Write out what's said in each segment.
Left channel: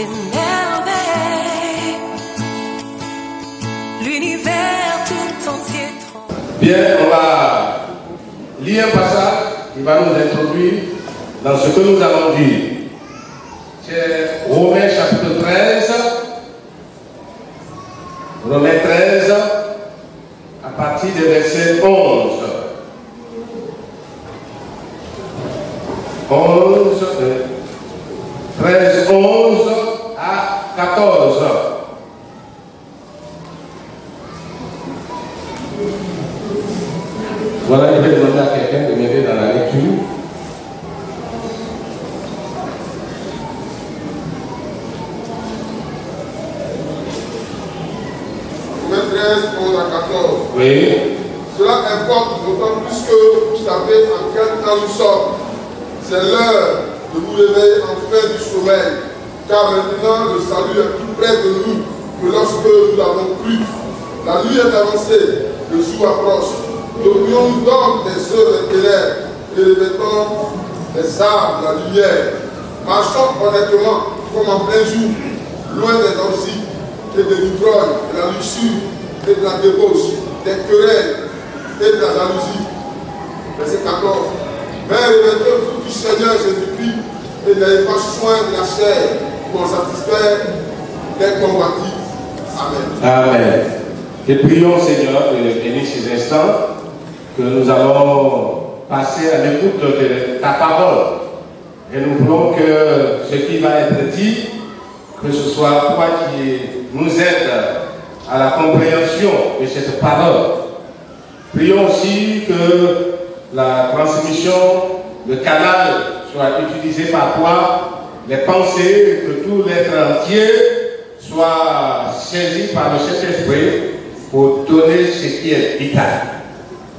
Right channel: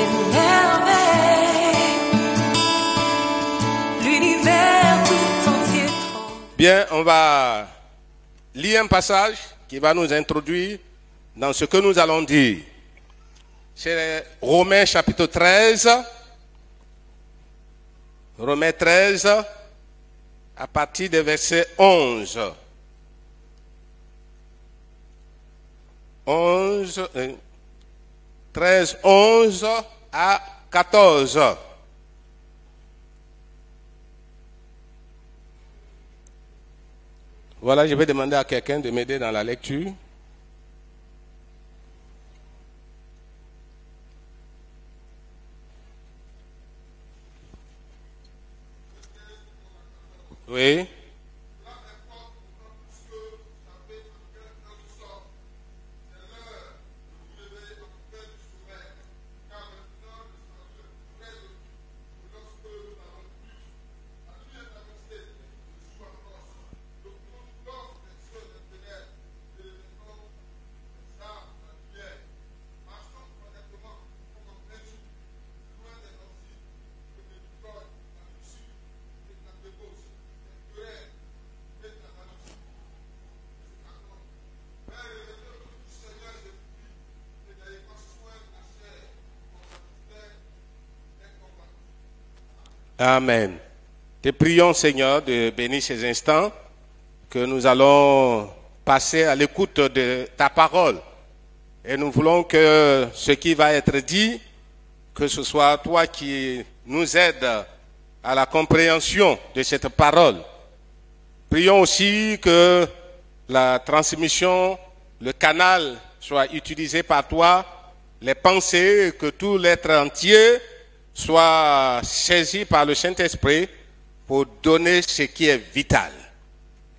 des merveilles. L'univers tout entier tremble. Bien, on va lire un passage qui va nous introduire dans ce que nous allons dire. C'est Romains chapitre 13. Romains 13, à partir du verset 11. 13, 11 à 14. Voilà, je vais demander à quelqu'un de m'aider dans la lecture. Romains 13, 11 à 14. Oui. Cela importe d'autant plus que vous savez en quel temps nous sommes. C'est l'heure de vous réveiller enfin du sommeil, car maintenant le salut est plus près de nous que lorsque nous l'avons cru. La nuit est avancée, le jour approche. N'oublions-nous donc des œuvres des ténèbres et revêtons les armes de la lumière. Marchons honnêtement comme en plein jour, loin des orgies et des ivrognes, de la luxure et de la débauche, des querelles et de la jalousie. Verset 14. Mais revêtez-vous du Seigneur Jésus-Christ et n'ayez pas soin de la chair pour satisfaire les convoitises. Amen. Amen. Et prions, Seigneur, de bénir ces instants que nous allons passer à l'écoute de ta parole. Et nous voulons que ce qui va être dit, que ce soit toi qui nous aide à la compréhension de cette parole. Prions aussi que la transmission, le canal soit utilisé par toi, les pensées, que tout l'être entier soit saisi par le Saint-Esprit pour donner ce qui est vital.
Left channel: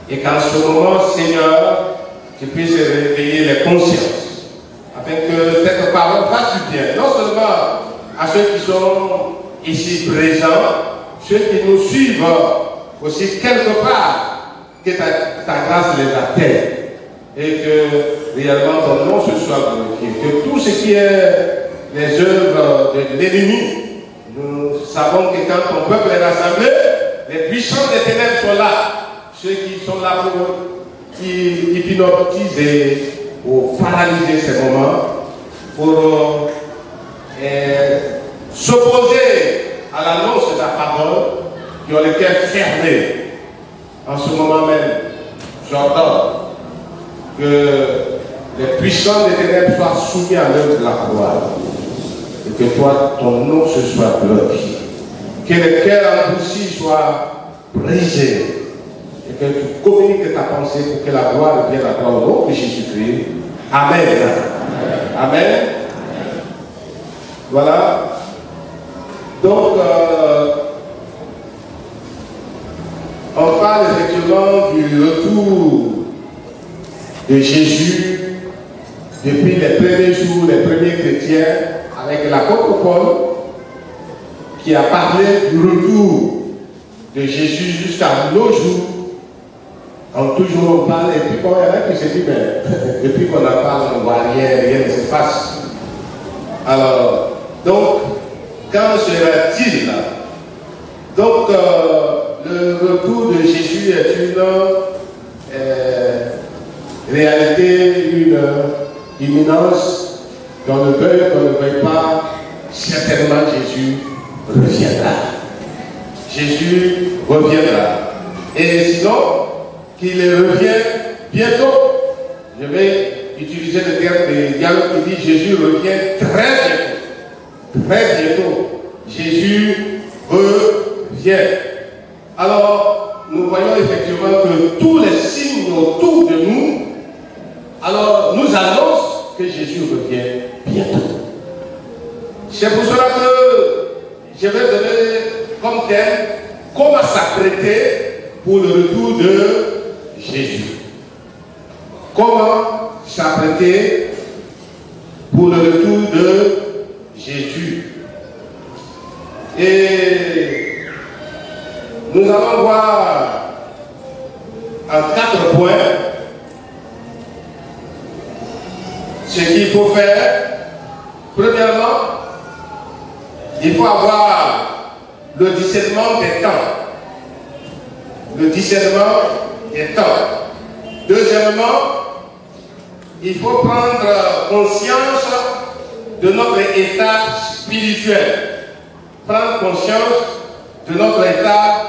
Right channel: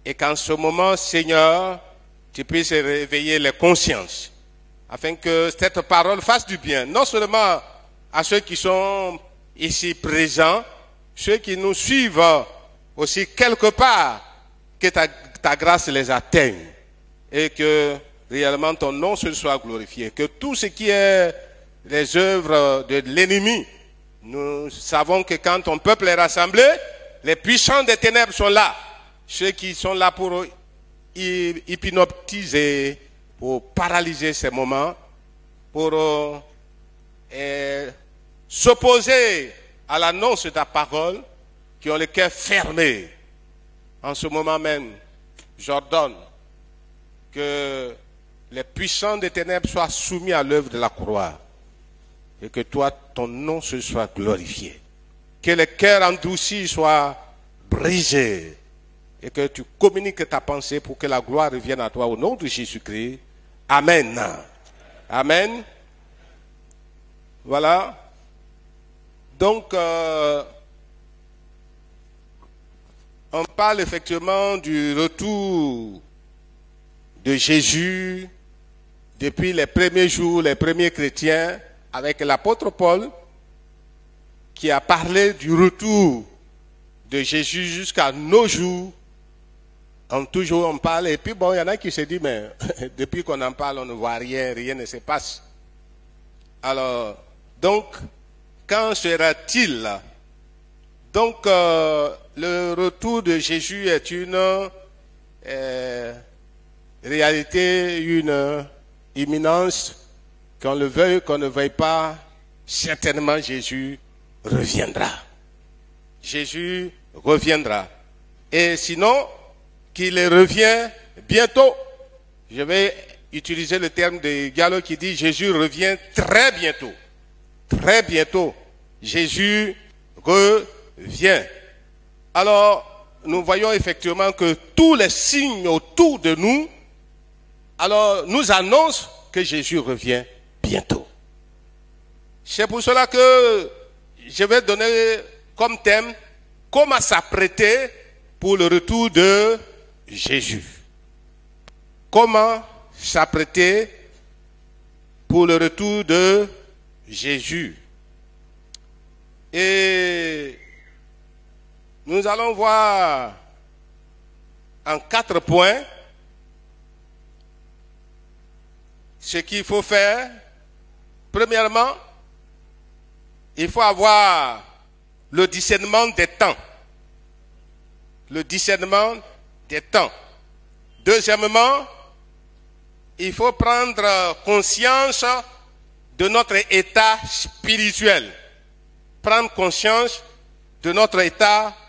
Et qu'en ce moment, Seigneur, tu puisses réveiller les consciences, afin que cette parole fasse du bien, non seulement à ceux qui sont ici présents, ceux qui nous suivent aussi quelque part, que ta grâce les atteigne et que réellement ton nom se soit glorifié. Que tout ce qui est les œuvres de l'ennemi, nous savons que quand ton peuple est rassemblé, les puissants des ténèbres sont là, ceux qui sont là pour hypnotiser ou paralyser ces moments, pour s'opposer à l'annonce de ta parole, qui ont les cœurs fermés. En ce moment même, j'ordonne que les puissants des ténèbres soient soumis à l'œuvre de la parole et que toi, ton nom se soit glorifié. Que les cœurs endurcis soient brisés et que tu communiques ta pensée pour que la gloire devienne encore au nom de Jésus-Christ. Amen. Amen. Voilà. Donc, on parle effectivement du retour de Jésus depuis les premiers jours, les premiers chrétiens, avec l'apôtre Paul, qui a parlé du retour de Jésus jusqu'à nos jours. Donc toujours on parle, et puis quand il y en a qui se disent, mais depuis qu'on en parle, on ne voit rien ne se passe. Alors, donc, quand sera-t-il? Donc, le retour de Jésus est une réalité, une imminence, qu'on le veuille, qu'on ne veuille pas, certainement Jésus reviendra. Jésus reviendra. Et sinon, qu'il revienne bientôt. Je vais utiliser le terme de Gallo qui dit Jésus revient très bientôt. Très bientôt. Jésus revient. Alors, nous voyons effectivement que tous les signes autour de nous, alors, nous annoncent que Jésus revient bientôt. C'est pour cela que je vais donner comme thème comment s'apprêter pour le retour de Jésus. Comment s'apprêter pour le retour de Jésus. Et nous allons voir en 4 points ce qu'il faut faire. Premièrement, discernement des temps. Le discernement des temps. Deuxièmement, il faut prendre conscience de notre état spirituel. Prendre conscience de notre état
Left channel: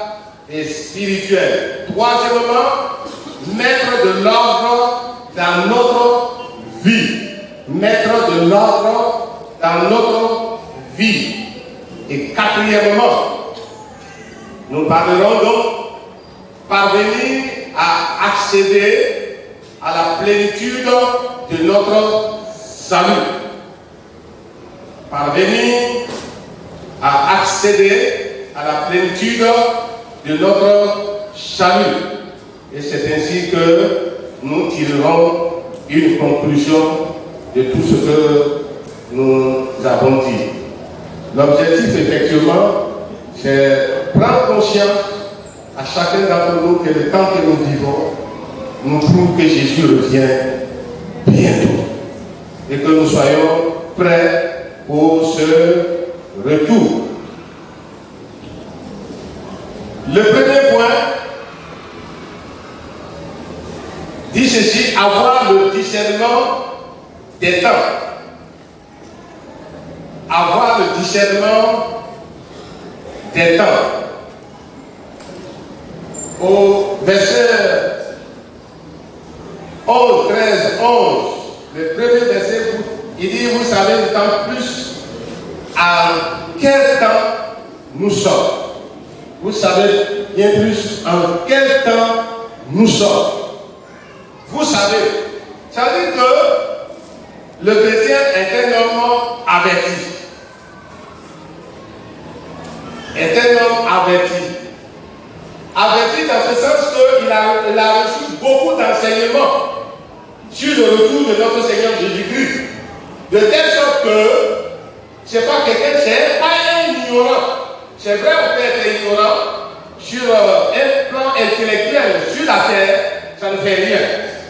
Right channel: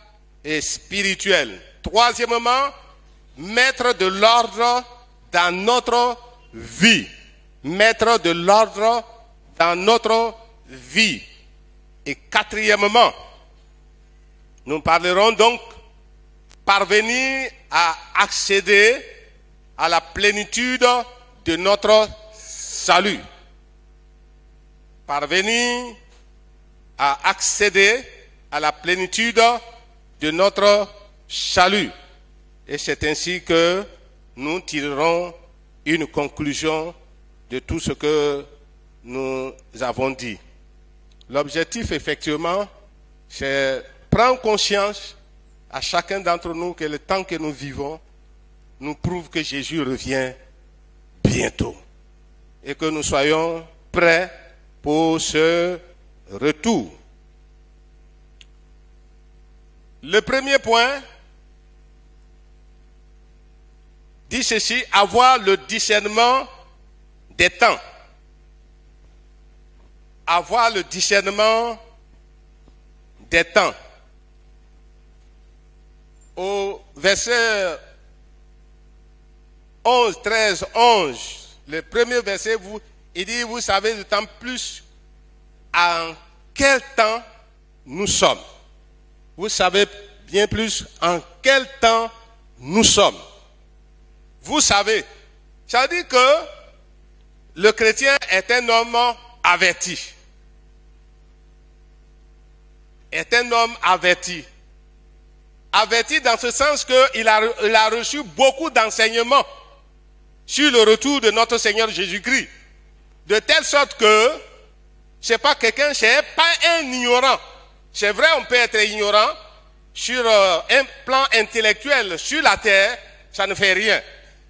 spirituel. Troisièmement, mettre de l'ordre dans notre vie. Mettre de l'ordre dans notre vie. Et quatrièmement, nous parlerons donc parvenir à accéder à la plénitude de notre salut. Parvenir à accéder à la plénitude de notre salut. Et c'est ainsi que nous tirerons une conclusion de tout ce que nous avons dit. L'objectif, effectivement, c'est prendre conscience à chacun d'entre nous que le temps que nous vivons, nous trouvons que Jésus revient bientôt. Et que nous soyons prêts pour ce retour. Le premier point dit ceci, avoir le discernement des temps. Avoir le discernement des temps. Au verset 11, 13, 11, le premier verset, il dit, vous savez d'autant plus à quel temps nous sommes. Vous savez bien plus en quel temps nous sommes. Vous savez, ça veut dire que le chrétien est un homme averti. Est un homme averti. Averti dans ce sens qu'il a reçu beaucoup d'enseignements sur le retour de notre Seigneur Jésus-Christ. De telle sorte que ce n'est pas quelqu'un, c'est pas un ignorant. C'est vrai, on peut être ignorant sur un plan intellectuel, sur la terre, ça ne fait rien.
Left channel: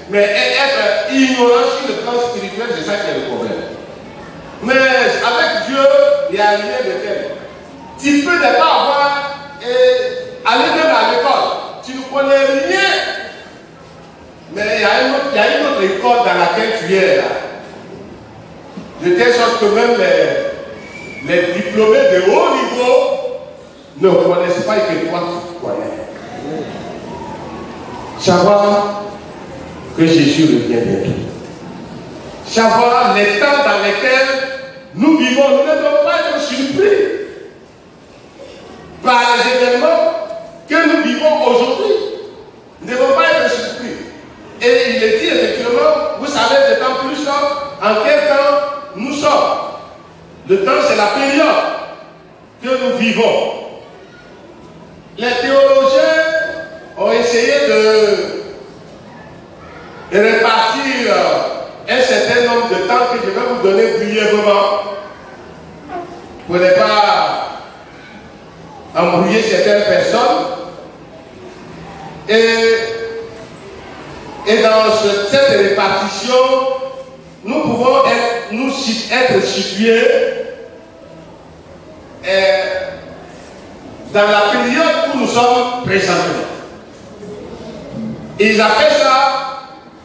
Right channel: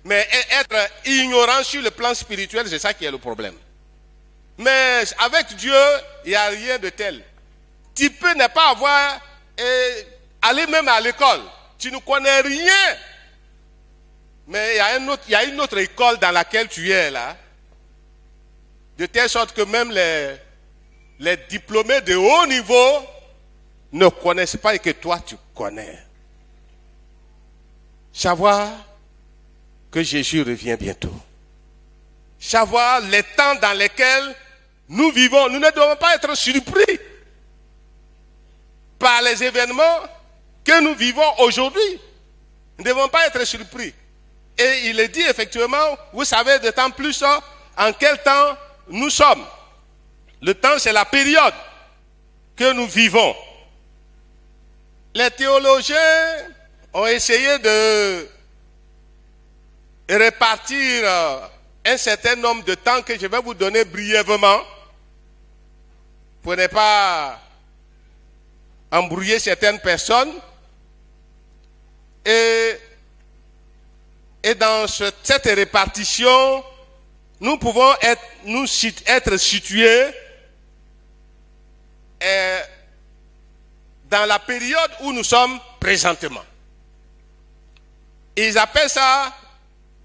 Mais être ignorant sur le plan spirituel, c'est ça qui est le problème. Mais avec Dieu, il n'y a rien de tel. Tu peux ne pas avoir, aller même à l'école, tu ne connais rien. Mais il y a une autre école dans laquelle tu es là. De telle sorte que même les diplômés de haut niveau ne connaissent pas et que toi tu connais. Savoir que Jésus revient bientôt. Savoir les temps dans lesquels nous vivons. Nous ne devons pas être surpris par les événements que nous vivons aujourd'hui. Nous ne devons pas être surpris. Et il est dit effectivement, vous savez d'autant plus en quel temps nous sommes. Le temps, c'est la période que nous vivons. Les théologiens ont essayé de répartir un certain nombre de temps que je vais vous donner brièvement pour ne pas embrouiller certaines personnes. Et dans cette répartition, nous pouvons être situés dans la période où nous sommes présentement. Ils appellent ça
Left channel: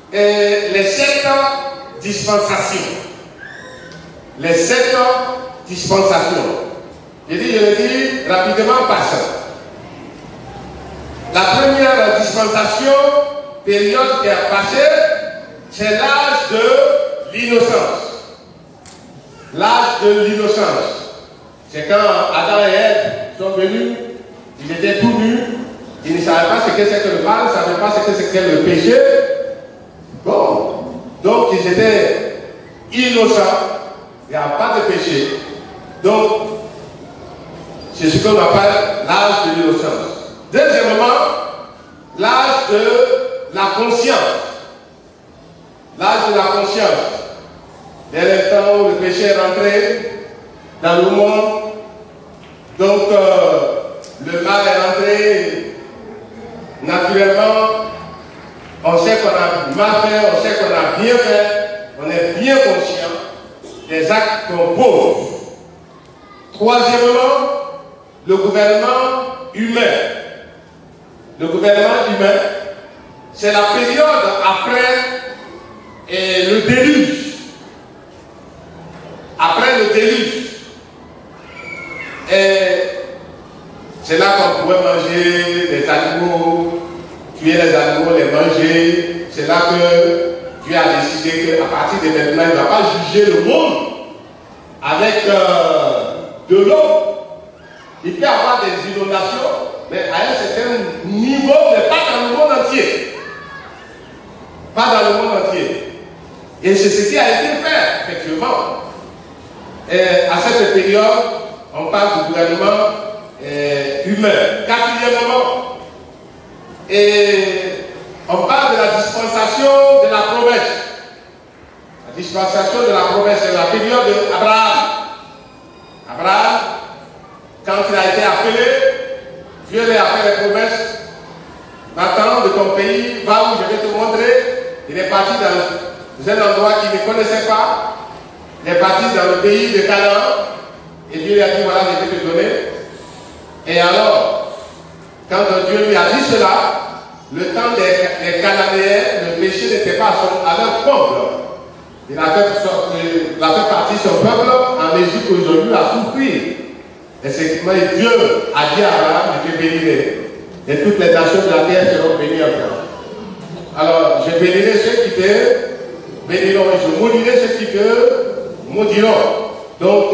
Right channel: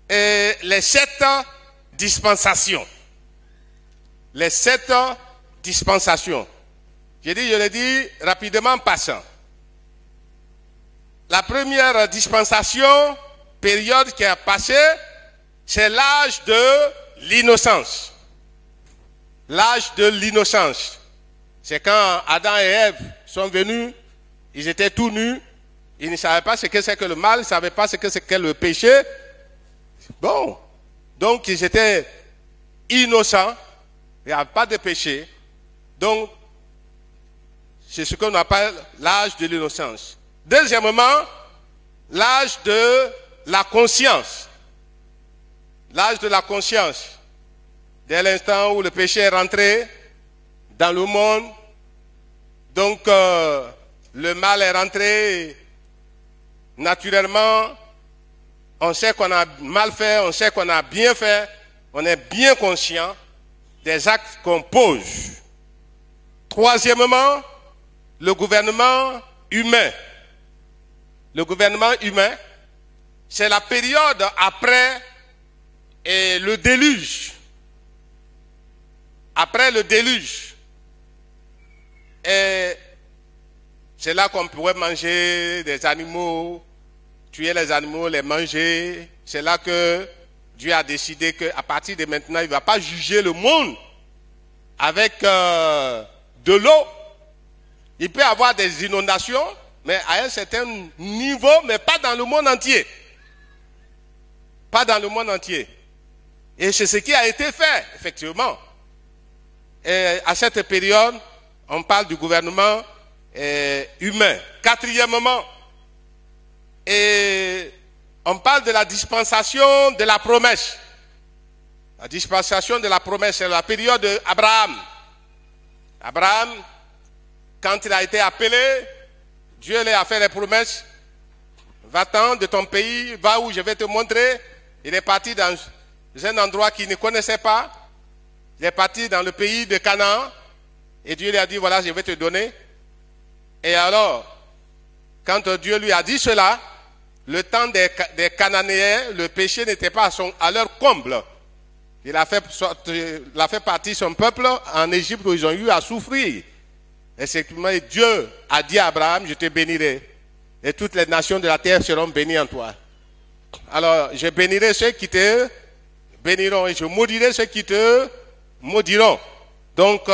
les 7 dispensations. Les 7 dispensations. Je le dis rapidement par ça. La première dispensation, période qui a passé, c'est l'âge de l'innocence. L'âge de l'innocence. C'est quand Adam et Ève sont venus, ils étaient tout nus, ils ne savaient pas ce que c'est que le mal, ils ne savaient pas ce que c'était le péché. Bon, donc ils étaient innocents, il n'y a pas de péché. Donc, c'est ce qu'on appelle l'âge de l'innocence. Deuxièmement, l'âge de la conscience. L'âge de la conscience. Dès le temps où le péché est rentré dans le monde, donc le mal est rentré naturellement. On sait qu'on a mal fait, on sait qu'on a bien fait, on est bien conscient des actes qu'on pose. Troisièmement, le gouvernement le gouvernement humain, c'est la période après le déluge. Après le déluge. Et c'est là qu'on pouvait manger les animaux, tuer les animaux, les manger. C'est là que Dieu a décidé qu'à partir de maintenant, il ne va pas juger le monde avec de l'eau. Il peut y avoir des inondations, mais à un certain niveau, mais pas dans le monde entier. Pas dans le monde entier. Et c'est ce qui a été fait, effectivement. Et à cette période, on parle du gouvernement humain. Quatrièmement, et on parle de la dispensation de la promesse. La dispensation de la promesse, c'est la période d'Abraham. Abraham, quand il a été appelé, Dieu lui a fait les promesses. Va-t'en de ton pays, va où je vais te montrer. Il est parti dans un endroit qu'il ne connaissait pas. Il est parti dans le pays de Canaan. Et Dieu lui a dit, voilà, je vais te donner. Et alors, quand Dieu lui a dit cela, le temps des Cananéens, le péché n'était pas à leur comble. Il a fait partir son peuple en Égypte aujourd'hui à souffrir. Et effectivement, Dieu a dit à Abraham, je te bénirai. Et toutes les nations de la terre seront bénies en toi. Alors, je bénirai ceux qui te béniront et je maudirai ceux qui te maudiront. Donc,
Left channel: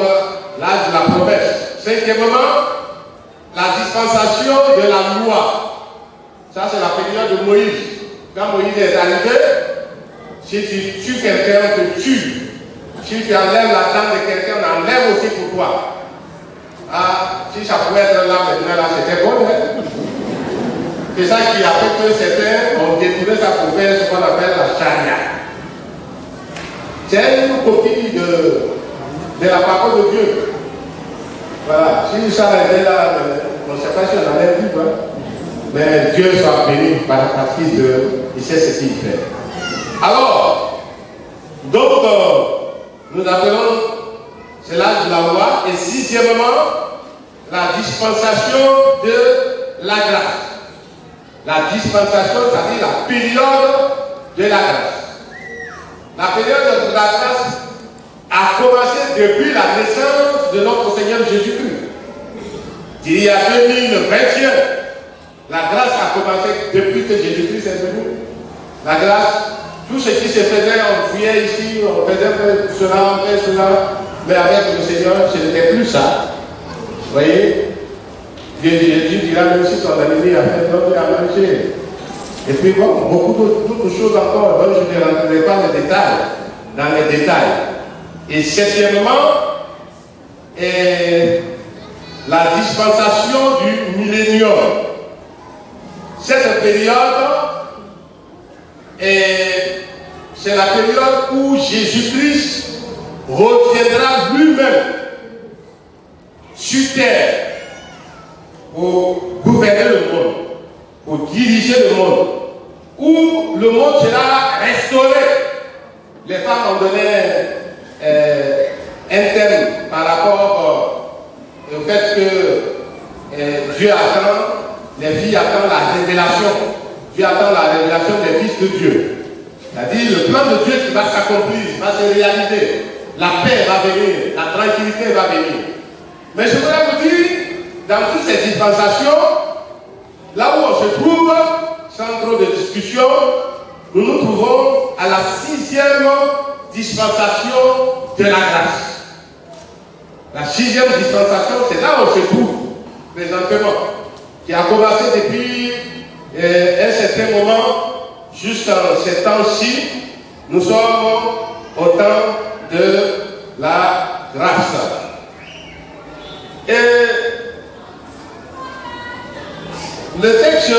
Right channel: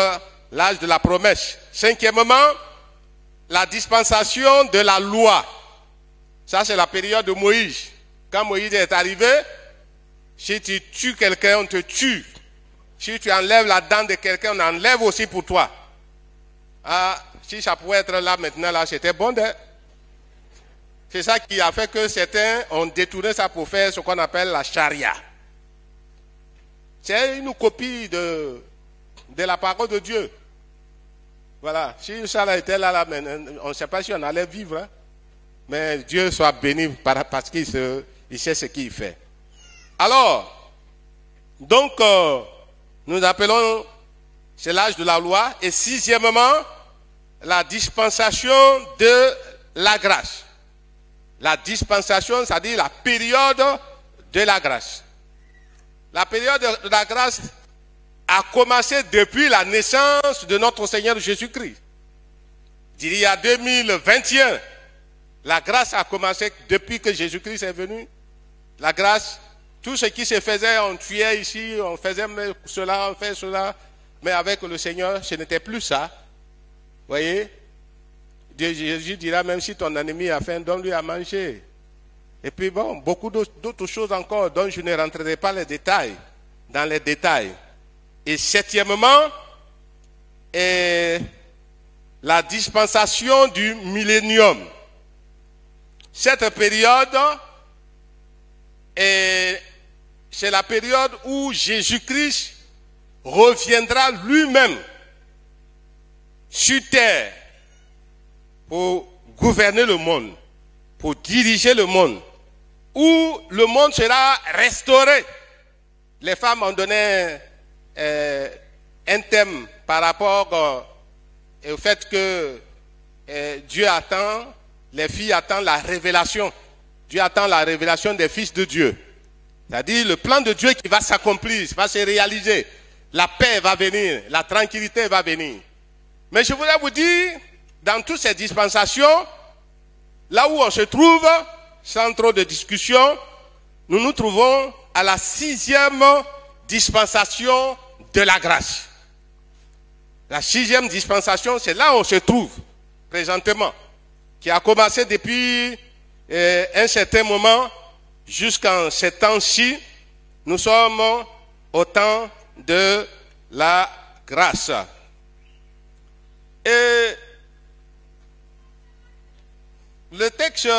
l'âge de la promesse. Cinquièmement, la dispensation de la loi. Ça, c'est la période de Moïse. Quand Moïse est arrivé, si tu tues quelqu'un, on te tue. Si tu enlèves la dent de quelqu'un, on enlève aussi pour toi. Ah, si ça pouvait être là maintenant, là, c'était bon. Hein? C'est ça qui a fait que certains ont détourné ça pour faire ce qu'on appelle la charia. C'est une copie de la parole de Dieu. Voilà. Si nous s'arrêtait là, on ne sait pas si on allait vivre. Hein? Mais Dieu soit béni parce qu'il sait ce qu'il fait. Alors, donc, nous appelons, c'est l'âge de la loi. Et sixièmement, la dispensation de la grâce. La dispensation, c'est-à-dire la période de la grâce. La période de la grâce a commencé depuis la naissance de notre Seigneur Jésus-Christ. Il y a 2021, la grâce a commencé depuis que Jésus-Christ est venu. La grâce, tout ce qui se faisait, on fuyait ici, on faisait cela, on fait cela, mais avec le Seigneur, ce n'était plus ça. Vous voyez? Jésus dira même si ton ennemi a fait donne-lui à manger. Et puis bon, beaucoup d'autres choses encore, donc je ne rentrerai pas dans les détails. Et septièmement, la dispensation du millénium. Cette période, c'est la période où Jésus-Christ reviendra lui-même sur terre pour gouverner le monde, pour diriger le monde, où le monde sera restauré. Les femmes ont donné un thème par rapport au fait que Dieu attend, les filles attendent la révélation. Dieu attend la révélation des fils de Dieu. C'est-à-dire le plan de Dieu qui va s'accomplir, va se réaliser. La paix va venir, la tranquillité va venir. Mais je voudrais vous dire, dans toutes ces dispensations, là où on se trouve, sans trop de discussion, nous nous trouvons à la sixième dispensation de la grâce. La sixième dispensation, c'est là où on se trouve présentement, qui a commencé depuis un certain moment jusqu'à ce temps-ci. Nous sommes au temps de la grâce. Et le texte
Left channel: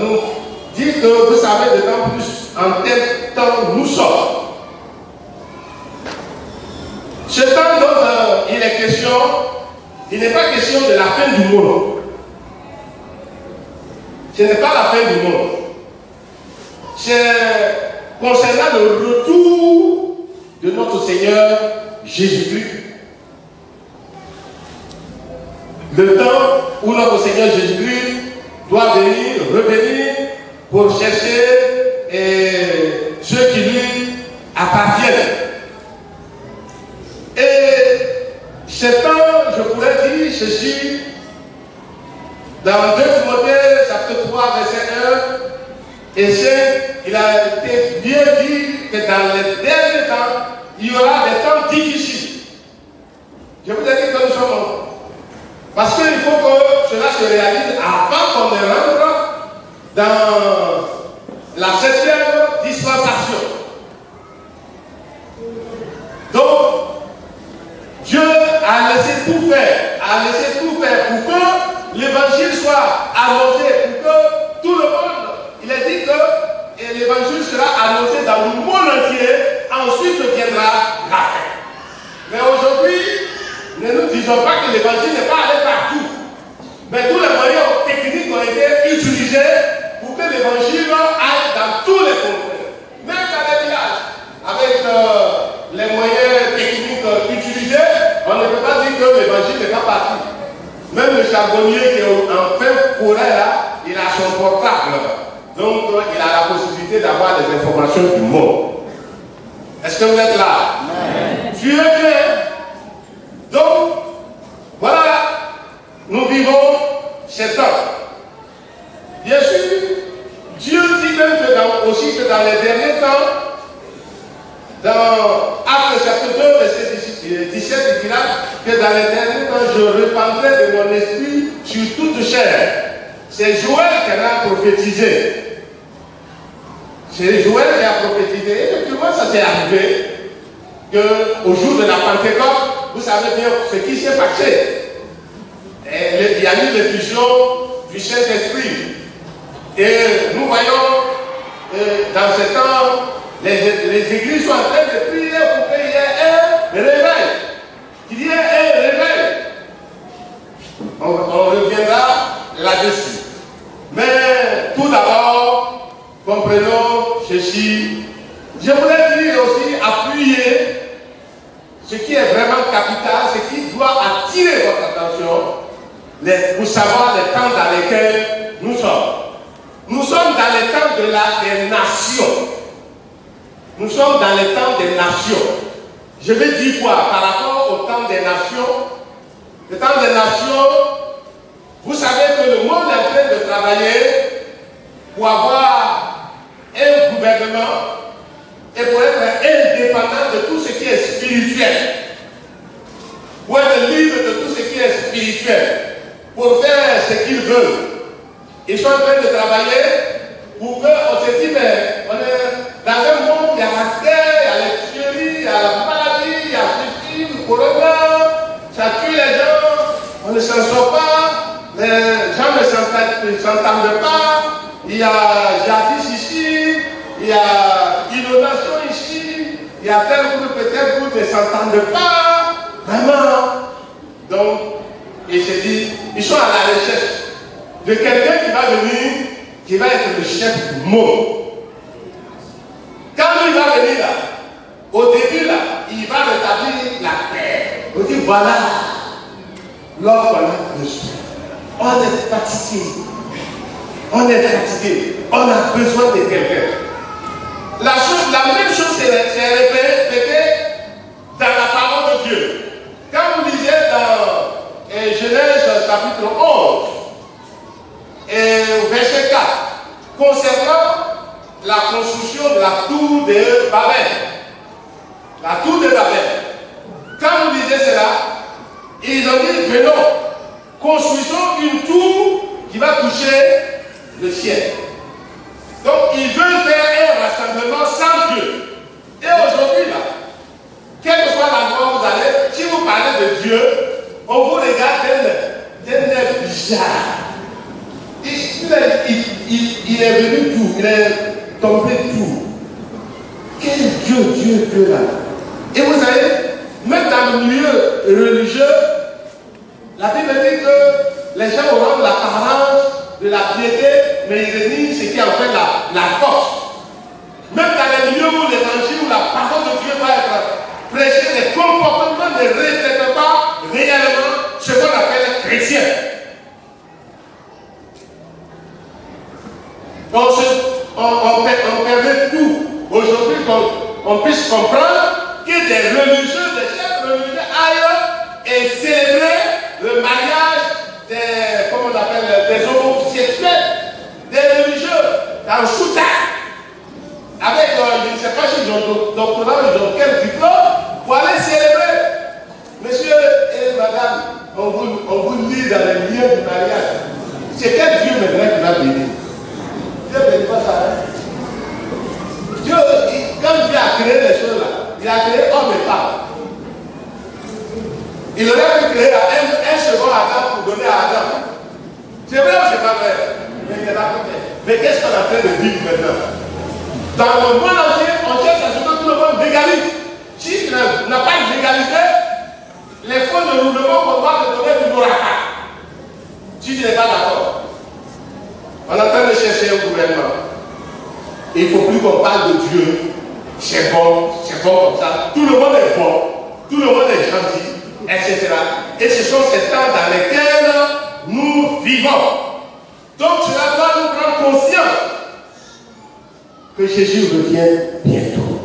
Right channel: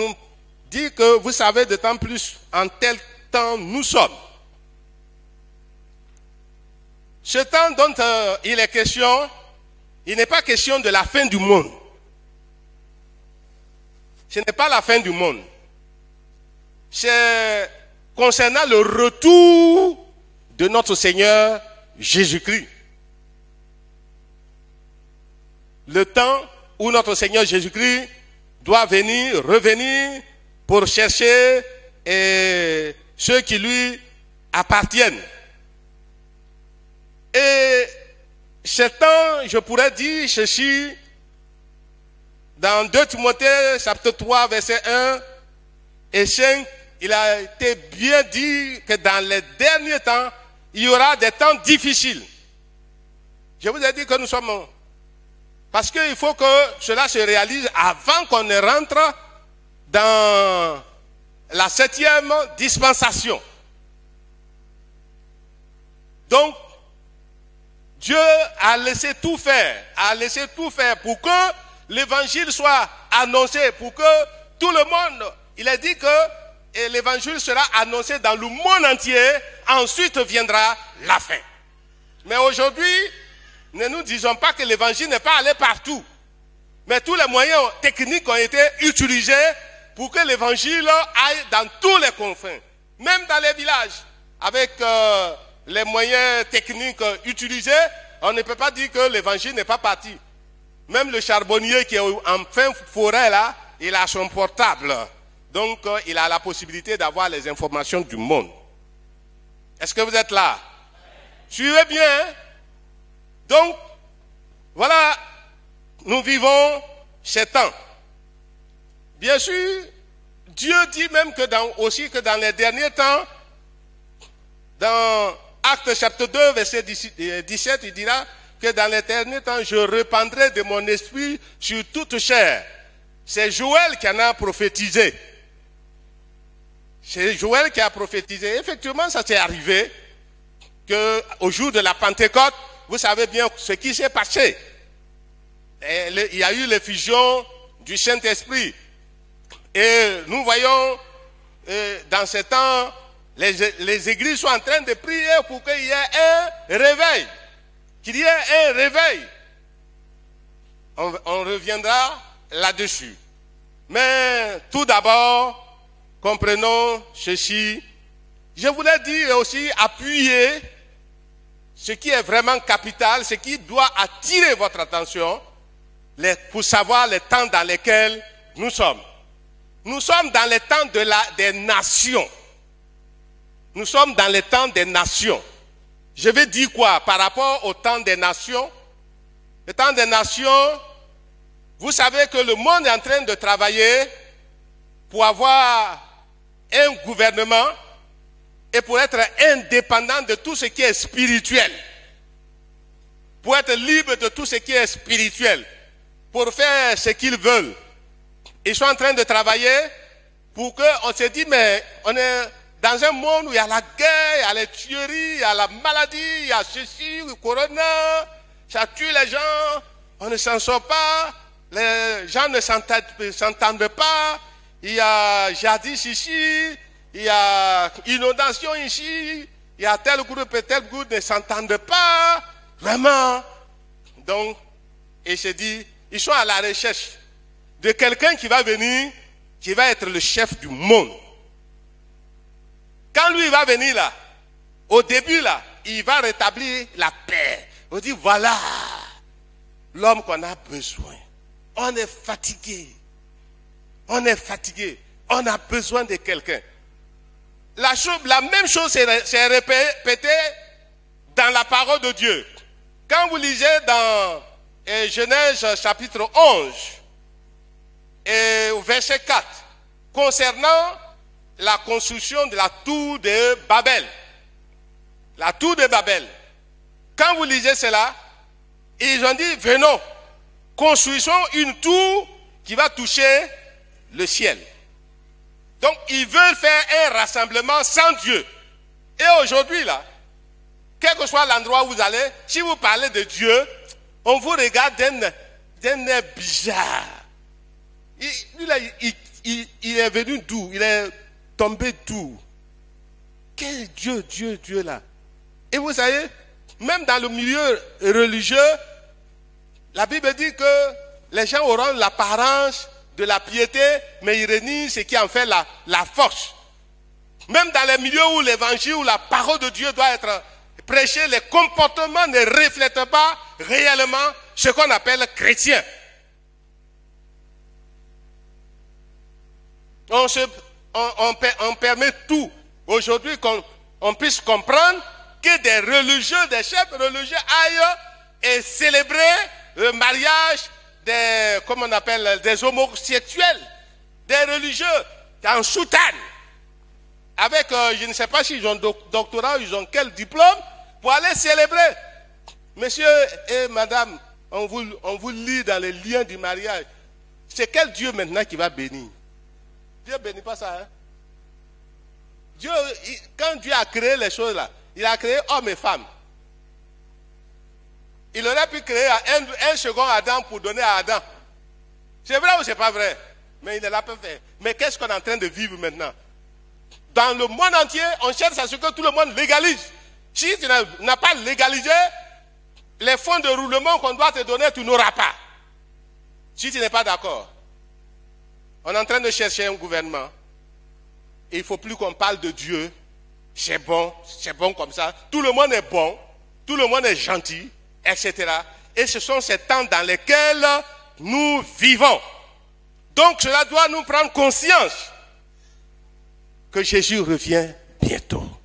nous dit que vous savez d'autant plus en quel temps nous sommes. Ce temps dont il est question, il n'est pas question de la fin du monde. Ce n'est pas la fin du monde. C'est concernant le retour de notre Seigneur Jésus-Christ. Le temps où notre Seigneur Jésus-Christ doit revenir pour chercher ceux qui lui appartiennent. Et Satan, je pourrais dire ceci, dans 2 Timothée, chapitre 3, verset 1, et il a été bien dit que dans les derniers temps, il y aura des temps difficiles. Je vous ai dit que nous sommes... Parce qu'il faut que cela se réalise avant qu'on ne rentre dans la 7e dispensation. Donc, Dieu a laissé tout faire, pour que l'évangile soit annoncé, pour que tout le monde, il a dit que l'évangile sera annoncé dans le monde entier, ensuite viendra la fin. Mais aujourd'hui, ne nous disons pas que l'évangile n'est pas allé partout. Mais tous les moyens techniques ont été utilisés pour que l'évangile aille dans tous les confrères. Même dans les villages, avec les moyens techniques utilisés, on ne peut pas dire que l'évangile n'est pas parti. Même le charbonnier qui est en fin forêt là, il a son portable. Donc il a la possibilité d'avoir les informations du monde. Est-ce que vous êtes là? Suivez bien. Donc, voilà, nous vivons ces temps. Bien sûr, Dieu dit même aussi que dans les derniers temps, dans Actes chapitre 2, verset 17, il dira que dans les derniers temps, je répandrai de mon esprit sur toute chair. C'est Joël qui en a prophétisé. C'est Joël qui a prophétisé. Effectivement, ça s'est arrivé qu'au jour de la Pentecôte, vous savez bien ce qui s'est passé. Il y a eu les visions du Saint-Esprit. Et nous voyons dans ce temps, les églises sont en train de prier pour qu'il y ait un réveil. Qu'il y ait un réveil. On reviendra là-dessus. Mais tout d'abord, comprenons ceci. Je voulais dire aussi, appuyer ce qui est vraiment capital, ce qui doit attirer votre attention, pour savoir les temps dans lesquels nous sommes. Nous sommes dans les temps des nations. Nous sommes dans les temps des nations. Je vais dire quoi par rapport au temps des nations? Le temps des nations, vous savez que le monde est en train de travailler pour avoir un gouvernement et pour être indépendant de tout ce qui est spirituel. Pour être libre de tout ce qui est spirituel. Pour faire ce qu'ils veulent. Ils sont en train de travailler pour qu'on se dise, mais on est dans un monde, il y a la guerre, il y a les tueries, il y a la maladie, il y a ceci, le corona, ça tue les gens, on ne s'en sort pas, les gens ne s'entendent pas, il y a jadis ici, il y a inondation ici, il y a tel groupe ne s'entendent pas, vraiment. Donc, il se dit, ils sont à la recherche de quelqu'un qui va venir, qui va être le chef du monde. Quand lui va venir là, au début là, il va rétablir la paix. On dit voilà, l'homme on a besoin. On est fatigué. On est fatigué. On a besoin de quelqu'un. La même chose s'est répétée dans la parole de Dieu. Quand vous lisez dans Genèse chapitre 11 et verset 4, concernant la construction de la tour de Babel. La tour de Babel. Quand vous lisez cela, ils ont dit, venons, construisons une tour qui va toucher le ciel. Donc, ils veulent faire un rassemblement sans Dieu. Et aujourd'hui, là, quel que soit l'endroit où vous allez, si vous parlez de Dieu, on vous regarde d'un air bizarre. Il est venu tout, il est tombé tout. Quel Dieu là. Et vous savez, même dans le milieu religieux, la Bible dit que les gens auront l'apparence de la piété, mais ils redisent ce qui en fait la force. Même dans les milieux où l'évangile, où la parole de Dieu doit être prêchée, les comportements ne reflètent pas réellement ce qu'on appelle chrétien. Donc on permet tout. Aujourd'hui, qu'on puisse comprendre que des religieux, des chefs religieux aillent et célébrer le mariage des, comment on appelle, des homosexuels, des religieux, dans Chouta, avec, je ne sais pas si doctorat ou quel diplôme, pour aller célébrer. Monsieur et madame, on vous lit dans les liens du mariage. C'est quel Dieu maintenant qui va bénir? Dieu ne bénit pas ça. Hein? Dieu, quand Dieu a créé les choses là, il a créé homme et femme. Il aurait pu créer un second Adam pour donner à Adam. C'est vrai ou c'est pas vrai? Mais il n'est pas fait. Mais qu'est-ce qu'on est en train de vivre maintenant? Dans le monde entier, on cherche à ce que tout le monde légalise. Si tu n'as pas légalisé, les fonds de roulement qu'on va te donner, tu n'auras pas. Si tu n'es pas d'accord. On est en train de chercher un gouvernement. Il ne faut plus qu'on parle de Dieu. C'est bon comme ça. Tout le monde est bon. Tout le monde est gentil, etc. Et ce sont ces temps dans lesquels nous vivons. Donc cela doit nous prendre conscience que Jésus revient bientôt.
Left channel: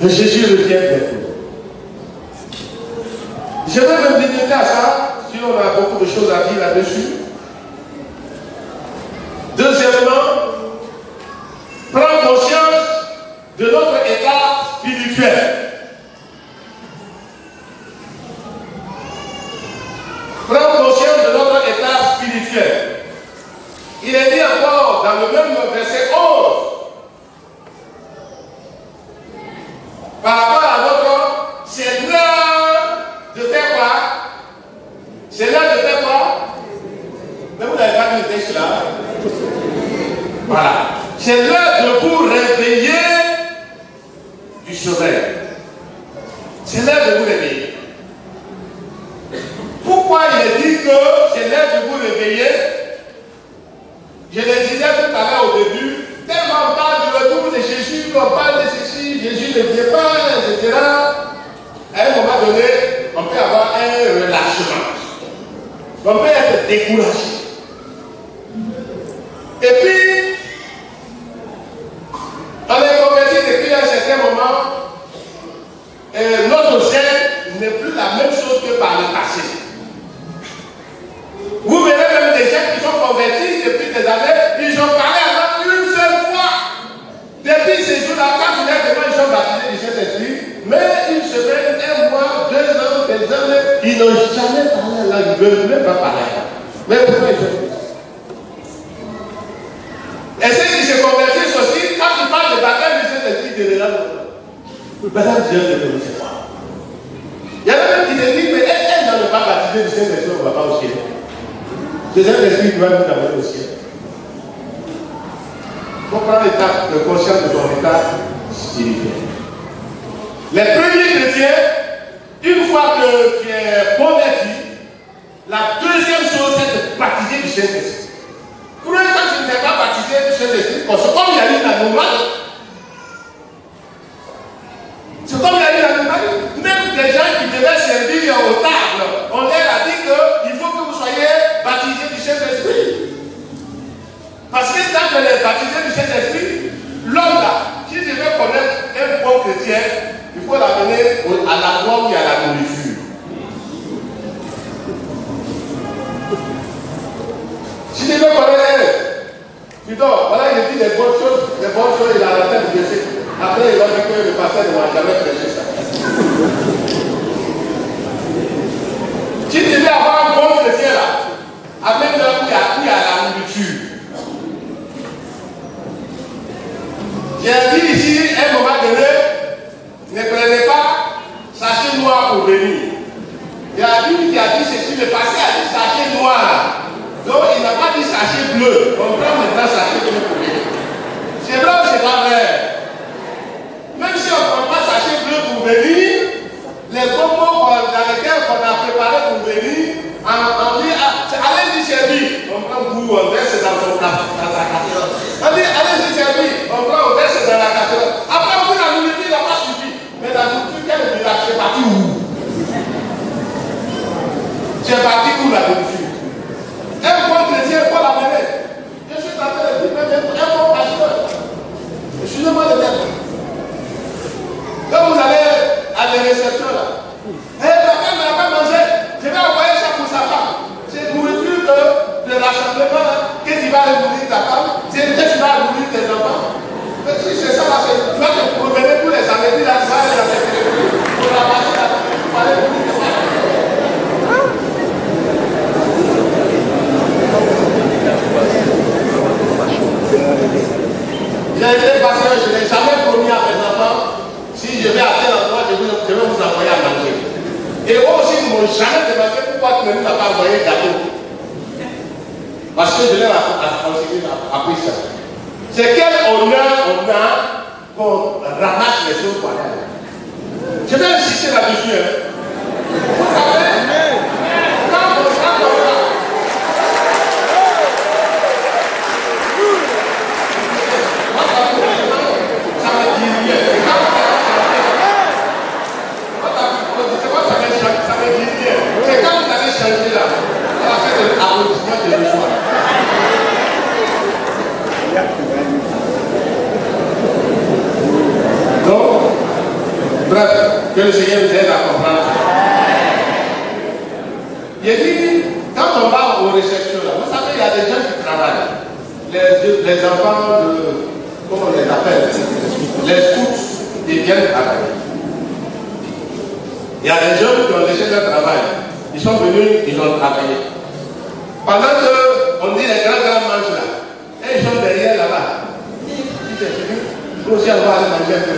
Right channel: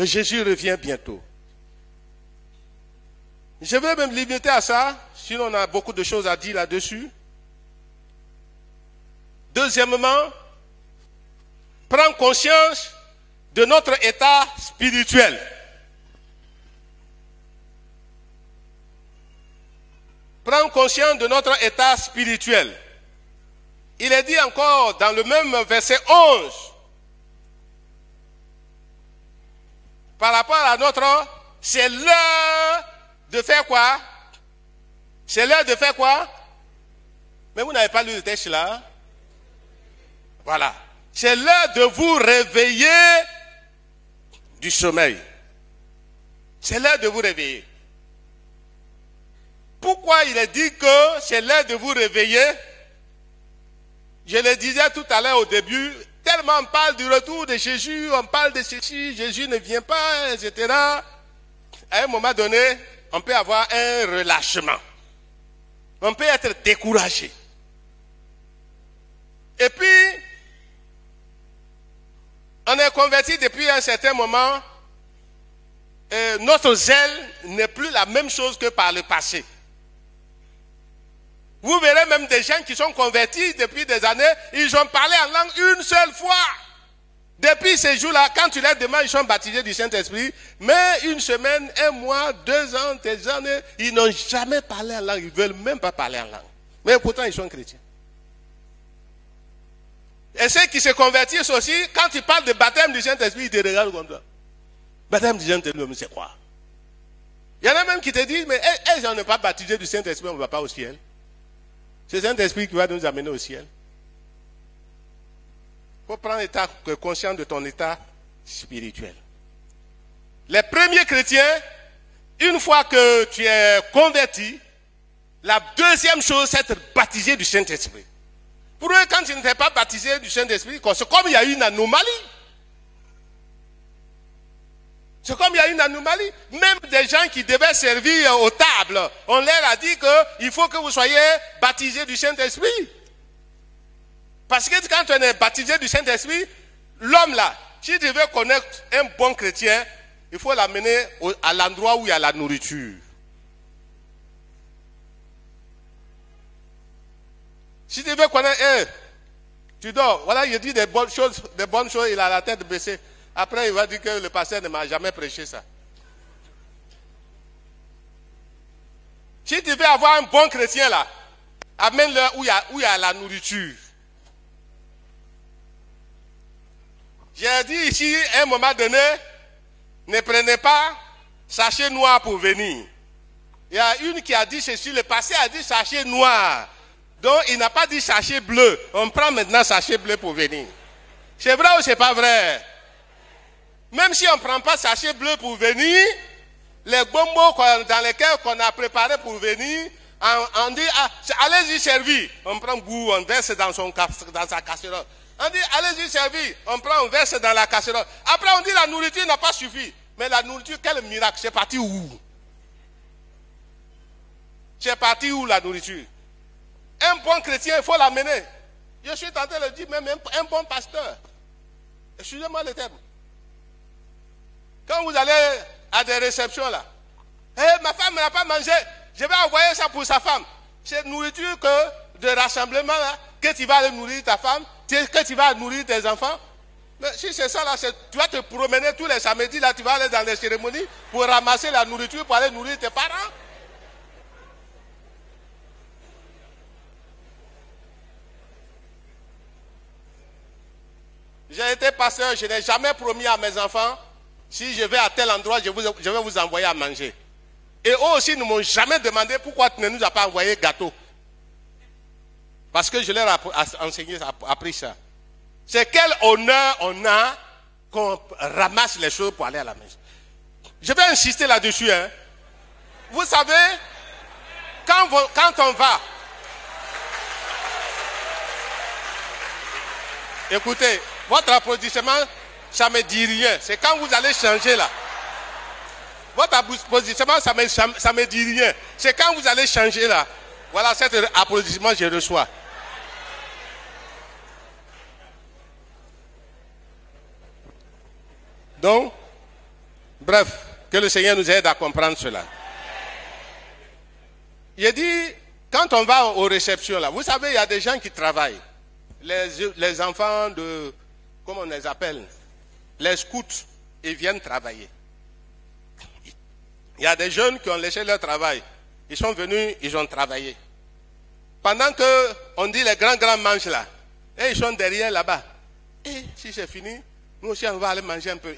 Que Jésus revient bientôt. Je vais me limiter à ça, si on a beaucoup de choses à dire là-dessus. Deuxièmement, prendre conscience de notre état spirituel. Prendre conscience de notre état spirituel. Il est dit encore dans le même verset 11, par rapport à notre, c'est l'heure de faire quoi? C'est l'heure de faire quoi? Mais vous n'avez pas dit le texte là. Voilà. C'est l'heure de vous réveiller du sommeil. C'est l'heure de vous réveiller. Pourquoi j'ai dit que c'est l'heure de vous réveiller? Je le disais tout à l'heure au début, tellement on parle du retour de Jésus, on parle de ceci, Jésus ne vient pas, etc. À un moment donné, on peut avoir un relâchement. On peut être découragé. Et puis, on est converti depuis un certain moment. Notre zèle n'est plus la même chose que par le passé. Vous verrez même des gens qui sont convertis depuis des années, ils ont parlé à Allah une seule fois. Depuis ces jours-là, quand tu les demandes, ils sont baptisés du Saint-Esprit, mais une semaine, un mois, 2 ans, des années, ils n'ont jamais parlé à Allah, ils ne veulent même pas parler à Allah. Mais pourquoi ils sont comme ça? Et ceux qui se convertissent aussi, quand tu parles de baptême du Saint-Esprit, ils te regardent. Baptême du Saint-Esprit, c'est quoi? Il y en a même qui te disent, mais est-ce qu'on ne va pas baptiser du Saint-Esprit, on ne va pas au ciel? Le Saint-Esprit doit nous amener au ciel. Il faut prendre conscience de ton état spirituel. Les premiers chrétiens, une fois que tu es converti, la deuxième chose, c'est de baptiser du Saint-Esprit. Pour eux, quand tu ne t'es pas baptisé du Saint-Esprit, parce que comme il y a une anomalie, c'est comme il y a une anomalie, même des gens qui devaient servir aux tables, on leur a dit qu'il faut que vous soyez baptisés du Saint-Esprit. Parce que quand on est baptisé du Saint-Esprit, l'homme là, si tu veux connaître un bon chrétien, il faut l'amener à la drogue et à la nourriture. Si tu veux connaître, tu dors, voilà, il dit des bonnes choses, il a la tête baissée. Après, il va dire que le pasteur ne va jamais prêcher ça. Si tu veux avoir un bon chrétien là, amène-leur qui a la nourriture. J'ai dit ici, à un moment donné, ne prenez pas sachet noir pour venir. Il y a une qui a dit ceci, le pasteur a dit sachet noir. Donc il n'a pas dit sachet bleu. On prend maintenant sachet bleu pour venir. C'est vrai ou c'est pas vrai? Même si on ne prend pas sachet bleu pour venir, les combos dans lesquels on a préparé pour venir, on dit allez-y servir. On prend goût, on verse dans son casserole. On dit allez-y servir. On prend, on verse dans la casserole. Après on dit la nourriture n'a pas suffi. Mais la nourriture, quel miracle? C'est parti où? C'est parti où la nourriture? Un bon chrétien, il faut l'amener. appris ça. C'est quel honneur on a qu'on ramasse les choses pour aller à la. Je vais insister là-dessus. Vous savez, quand on va, écoutez, votre applaudissement, ça ne dit rien. C'est quand vous allez changer là. Votre applaudissement, ça ne dit rien. C'est quand vous allez changer là. Voilà, c'est l'applaudissement, j'ai le choix. Donc, bref, que le Seigneur nous aide à comprendre cela. Il dit, quand on va aux réceptions là, vous savez, il y a des gens qui travaillent. Les enfants de, comment on les appelle, les scouts, ils viennent travailler. Il y a des jeunes qui ont laissé leur travail. Ils sont venus, ils ont travaillé. Pendant qu'on dit les grands mangent là, et ils sont derrière là-bas.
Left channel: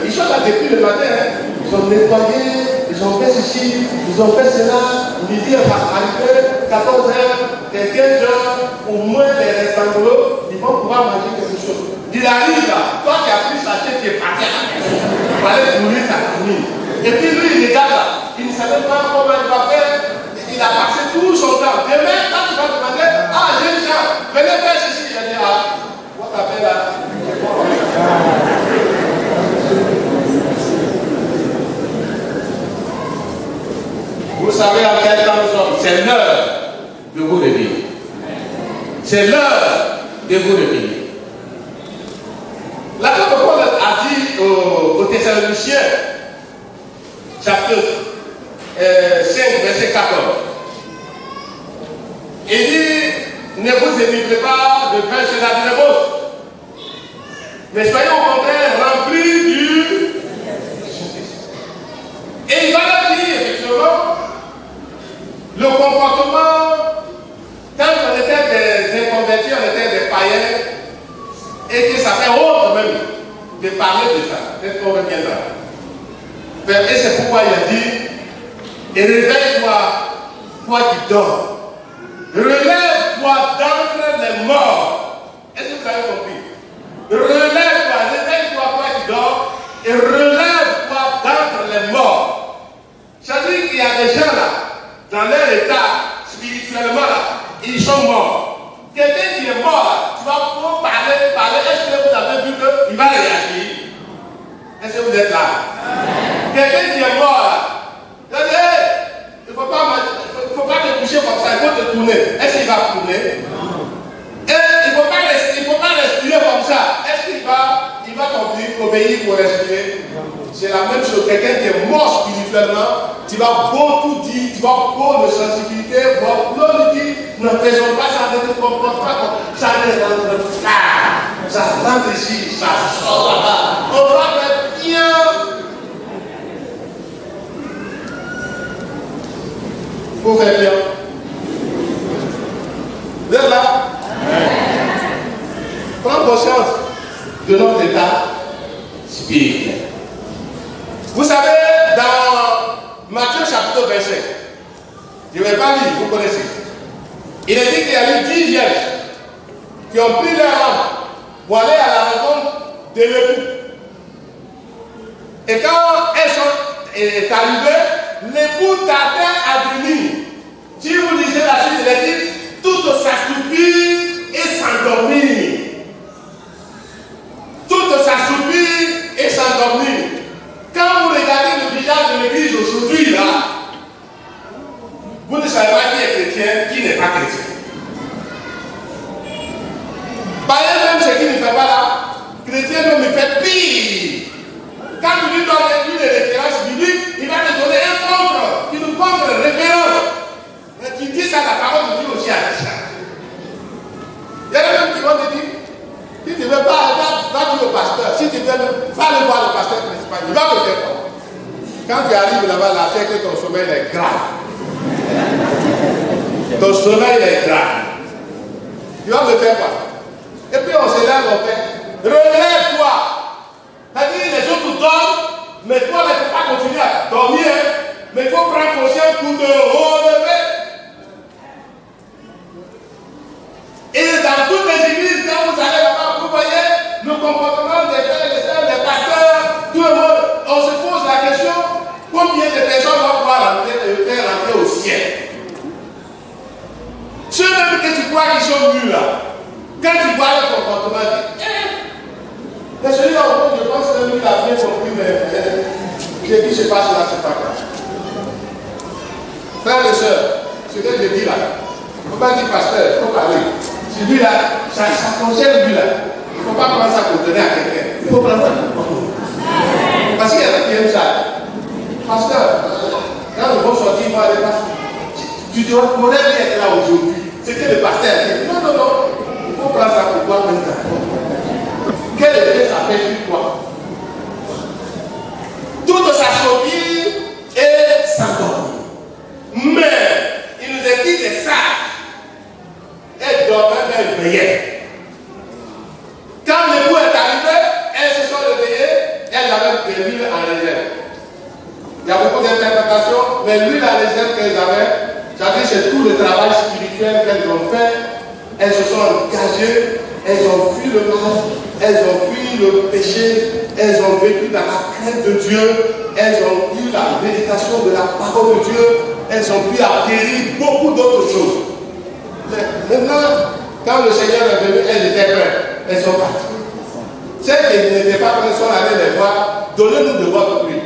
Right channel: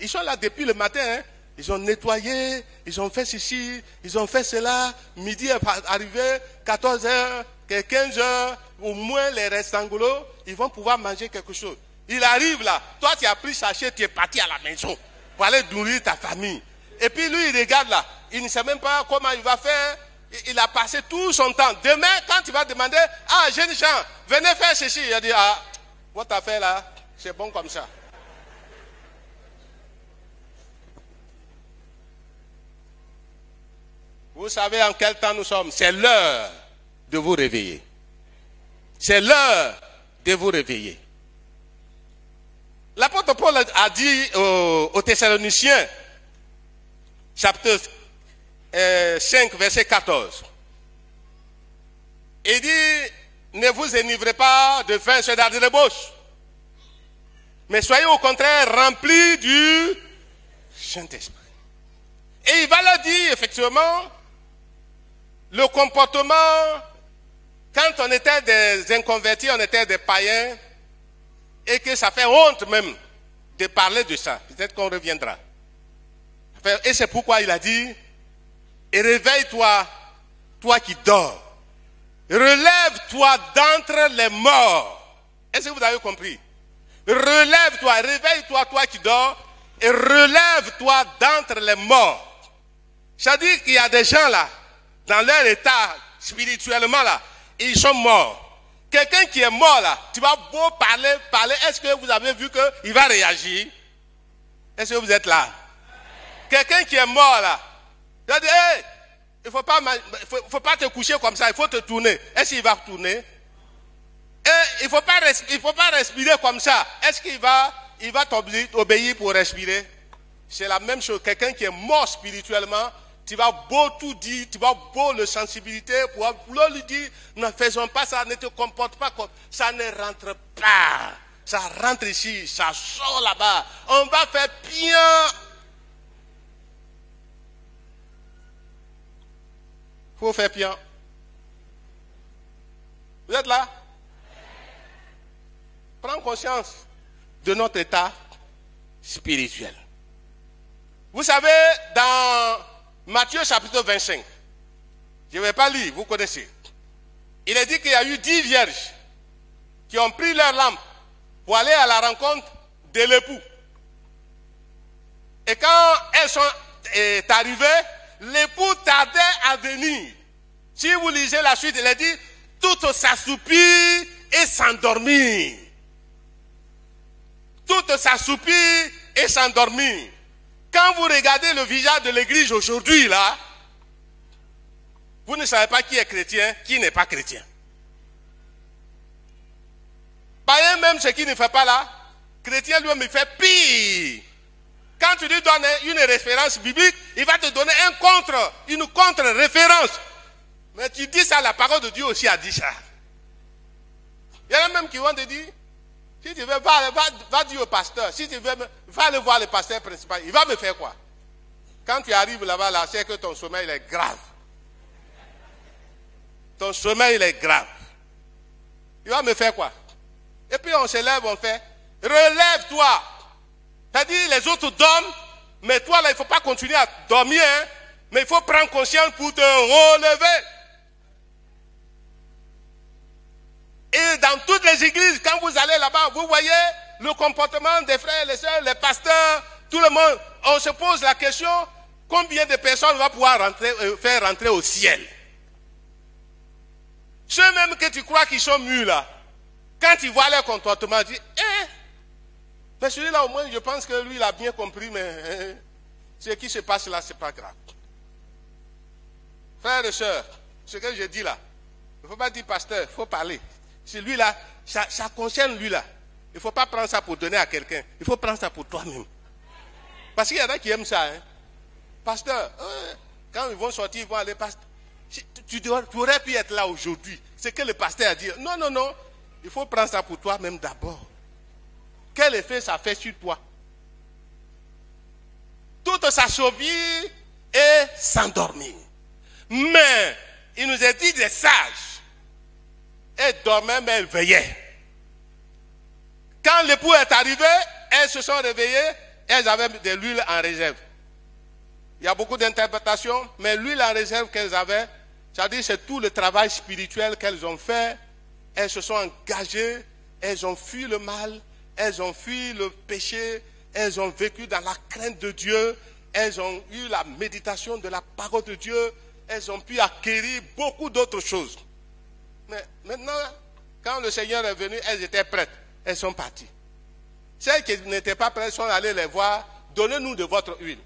Ils sont là depuis le matin, hein. Ils sont nettoyés, ils ont fait ceci, ils ont fait cela, midi arrivé, 14h et 15h, au moins des restaurants, ils vont pouvoir manger quelque chose. Il arrive là, toi qui as pris sachet, tu es parti à la maison, il fallait nourrir ta famille. Et puis lui, il regarde là, il ne savait pas comment il va faire, il a passé tout son temps. Demain, quand tu vas demander, ah, jeunes gens, venez faire ceci, il a dit, ah, what t'as fait là? C'est bon. Vous savez, en fait, quand nous sommes, c'est l'heure de vous réveiller. C'est l'heure de vous réveiller. L'apôtre Paul a dit aux Thessaloniciens, chapitre 5, verset 14, il dit, ne vous énivrez pas de vin sur la débauche, mais soyez au contraire remplis du Saint-Esprit. Et il va leur dire, effectivement, le comportement, quand on était des inconvertis, on était des païens, et que ça fait honte même de parler de ça. Peut-être qu'on reviendra. Et c'est pourquoi il a dit, et réveille-toi, toi qui dors. Relève-toi d'entre les morts. Est-ce que vous avez compris? Relève-toi, réveille-toi, toi qui dors, et relève-toi d'entre les morts. C'est-à-dire qu'il y a des gens là, dans leur état, spirituellement là, ils sont morts. Quelqu'un qui est mort là, tu vas pouvoir parler, est-ce que vous avez vu qu'il va réagir? Est-ce que vous êtes là? Quelqu'un qui est mort là, il ne faut pas te coucher comme ça, il faut te tourner. Est-ce qu'il va tourner? Il ne faut pas respirer comme ça. Est-ce qu'il va t'obéir pour respirer? C'est la même chose. Quelqu'un qui est mort spirituellement, tu vas beau tout dire, tu vas beau de sensibilité, l'autre dit, ne faisons pas ça, ne te comporte pas comme ça, ça rentre ici, ça sort là-bas. On va faire bien. Pour faire bien. Vous êtes là? Prends conscience de notre état spirituel. Vous savez, dans Matthieu chapitre 25, je ne vais pas lire, vous connaissez. Il est dit qu'il y a eu 10 vierges qui ont pris leur lampe pour aller à la rencontre de l'époux. Et quand elles sont arrivées, l'époux tardait à venir. Si vous lisez la suite, il est dit, toutes s'assoupir et s'endormir. Toutes s'assoupir et s'endormir. Quand vous regardez le visage de l'église aujourd'hui, là, vous ne savez pas qui est chrétien, qui n'est pas chrétien. Païen même ce qui ne fait pas là, chrétien même il fait pire. Quand tu lui donnes une référence biblique, il va te donner une contre-référence. Mais tu dis ça, la parole de Dieu aussi à ça. Il y a même qui vont te dire, si tu veux pas, va dire au pasteur. Si tu veux, va aller voir le pasteur principal. Il va te faire quoi? Quand tu arrives là-bas, là, c'est que ton sommeil est grave. Ton sommeil est grave. Tu vas me faire quoi? Et puis on se lève, on fait, relève-toi. C'est-à-dire les autres dorment, mais toi, il ne faut pas continuer à dormir. Mais il faut prendre conscience pour te relever. Et dans toutes les églises, quand vous allez là-bas, comportement des frères et des sœurs, des pasteurs, tout le monde, on se pose la question, combien de personnes vont pouvoir faire rentrer au ciel? Ceux même que tu crois qu'ils sont nus là, quand tu vois leur comportement, tu dis, mais celui-là, je pense que lui, il a bien compris, mais ce qui se passe là, c'est pas grave. Frères et sœurs, ce que je dis là, il ne faut pas dire pasteur, il faut parler. Celui-là, ça concerne lui-là. Il ne faut pas prendre ça pour donner à quelqu'un. Il faut prendre ça pour toi. Parce qu'il y a qui aime ça. Pasteur, quand le bon sortir, il va aller passer. Tu pourrais bien être là aujourd'hui. C'était le pasteur qui dit non, non, non. Il faut prendre ça pour toi comme ça. Quel effet ça fait sur toi? Toute sa phobie est s'endormir. Mais il nous a dit des sages. Elle dormait, mais elle veillait. Quand le coup est arrivé, elles se sont réveillées, elles avaient de l'huile en réserve. Il y a beaucoup d'interprétations, mais l'huile en réserve qu'elles avaient, c'est-à-dire c'est tout le travail spirituel qu'elles ont fait. Elles se sont engagées, elles ont fui le mal, elles ont fui le péché, elles ont vécu dans la crainte de Dieu, elles ont eu la méditation de la parole de Dieu, elles ont pu acquérir beaucoup d'autres choses. Maintenant, quand le Seigneur est venu, elles étaient prêtes. Elles sont parties. Celles qui n'étaient pas prêtes sont allées les voir. Donnez-nous de votre huile.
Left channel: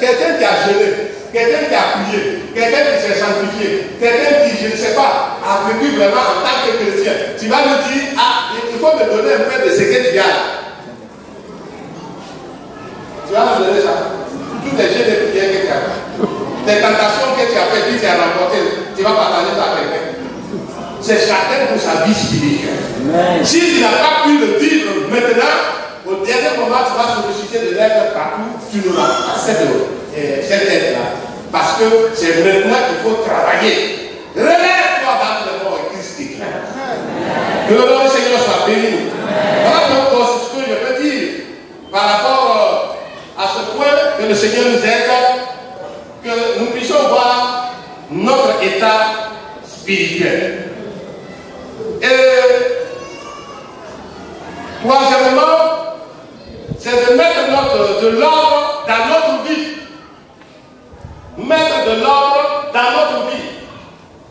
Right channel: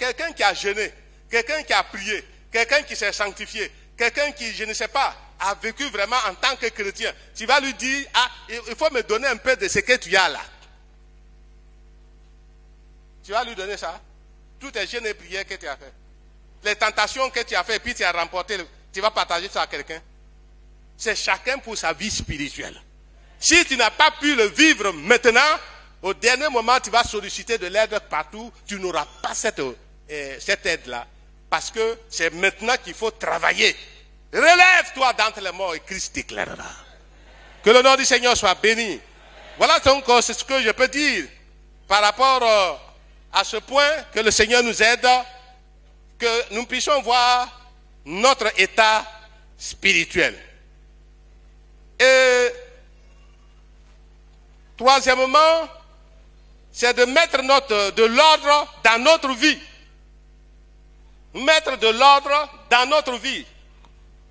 Quelqu'un qui a jeûné, quelqu'un qui a prié, quelqu'un qui s'est sanctifié, quelqu'un qui, je ne sais pas, a vécu vraiment en tant que chrétien, tu vas lui dire, ah, il faut me donner un peu de ce que tu as. Tu vas me donner ça. Tous les jeunes de prière que tu as. Les tentations que tu as fait, puis tu as remporté, tu vas partager ça à quelqu'un. C'est chacun pour sa vie spirituelle. Si tu n'as pas pu le vivre maintenant, au dernier moment, tu vas solliciter de l'aide partout, tu n'auras pas cette aide-là. Parce que c'est maintenant qu'il faut travailler. Relève-toi dans le mort et Christ déclare. Que le nom du Seigneur soit béni. Voilà donc ce que je peux dire par rapport à ce point que le Seigneur nous aide, que nous puissions voir notre état spirituel. Et troisièmement, c'est de mettre de l'ordre dans notre vie. Mettre de l'ordre dans notre vie.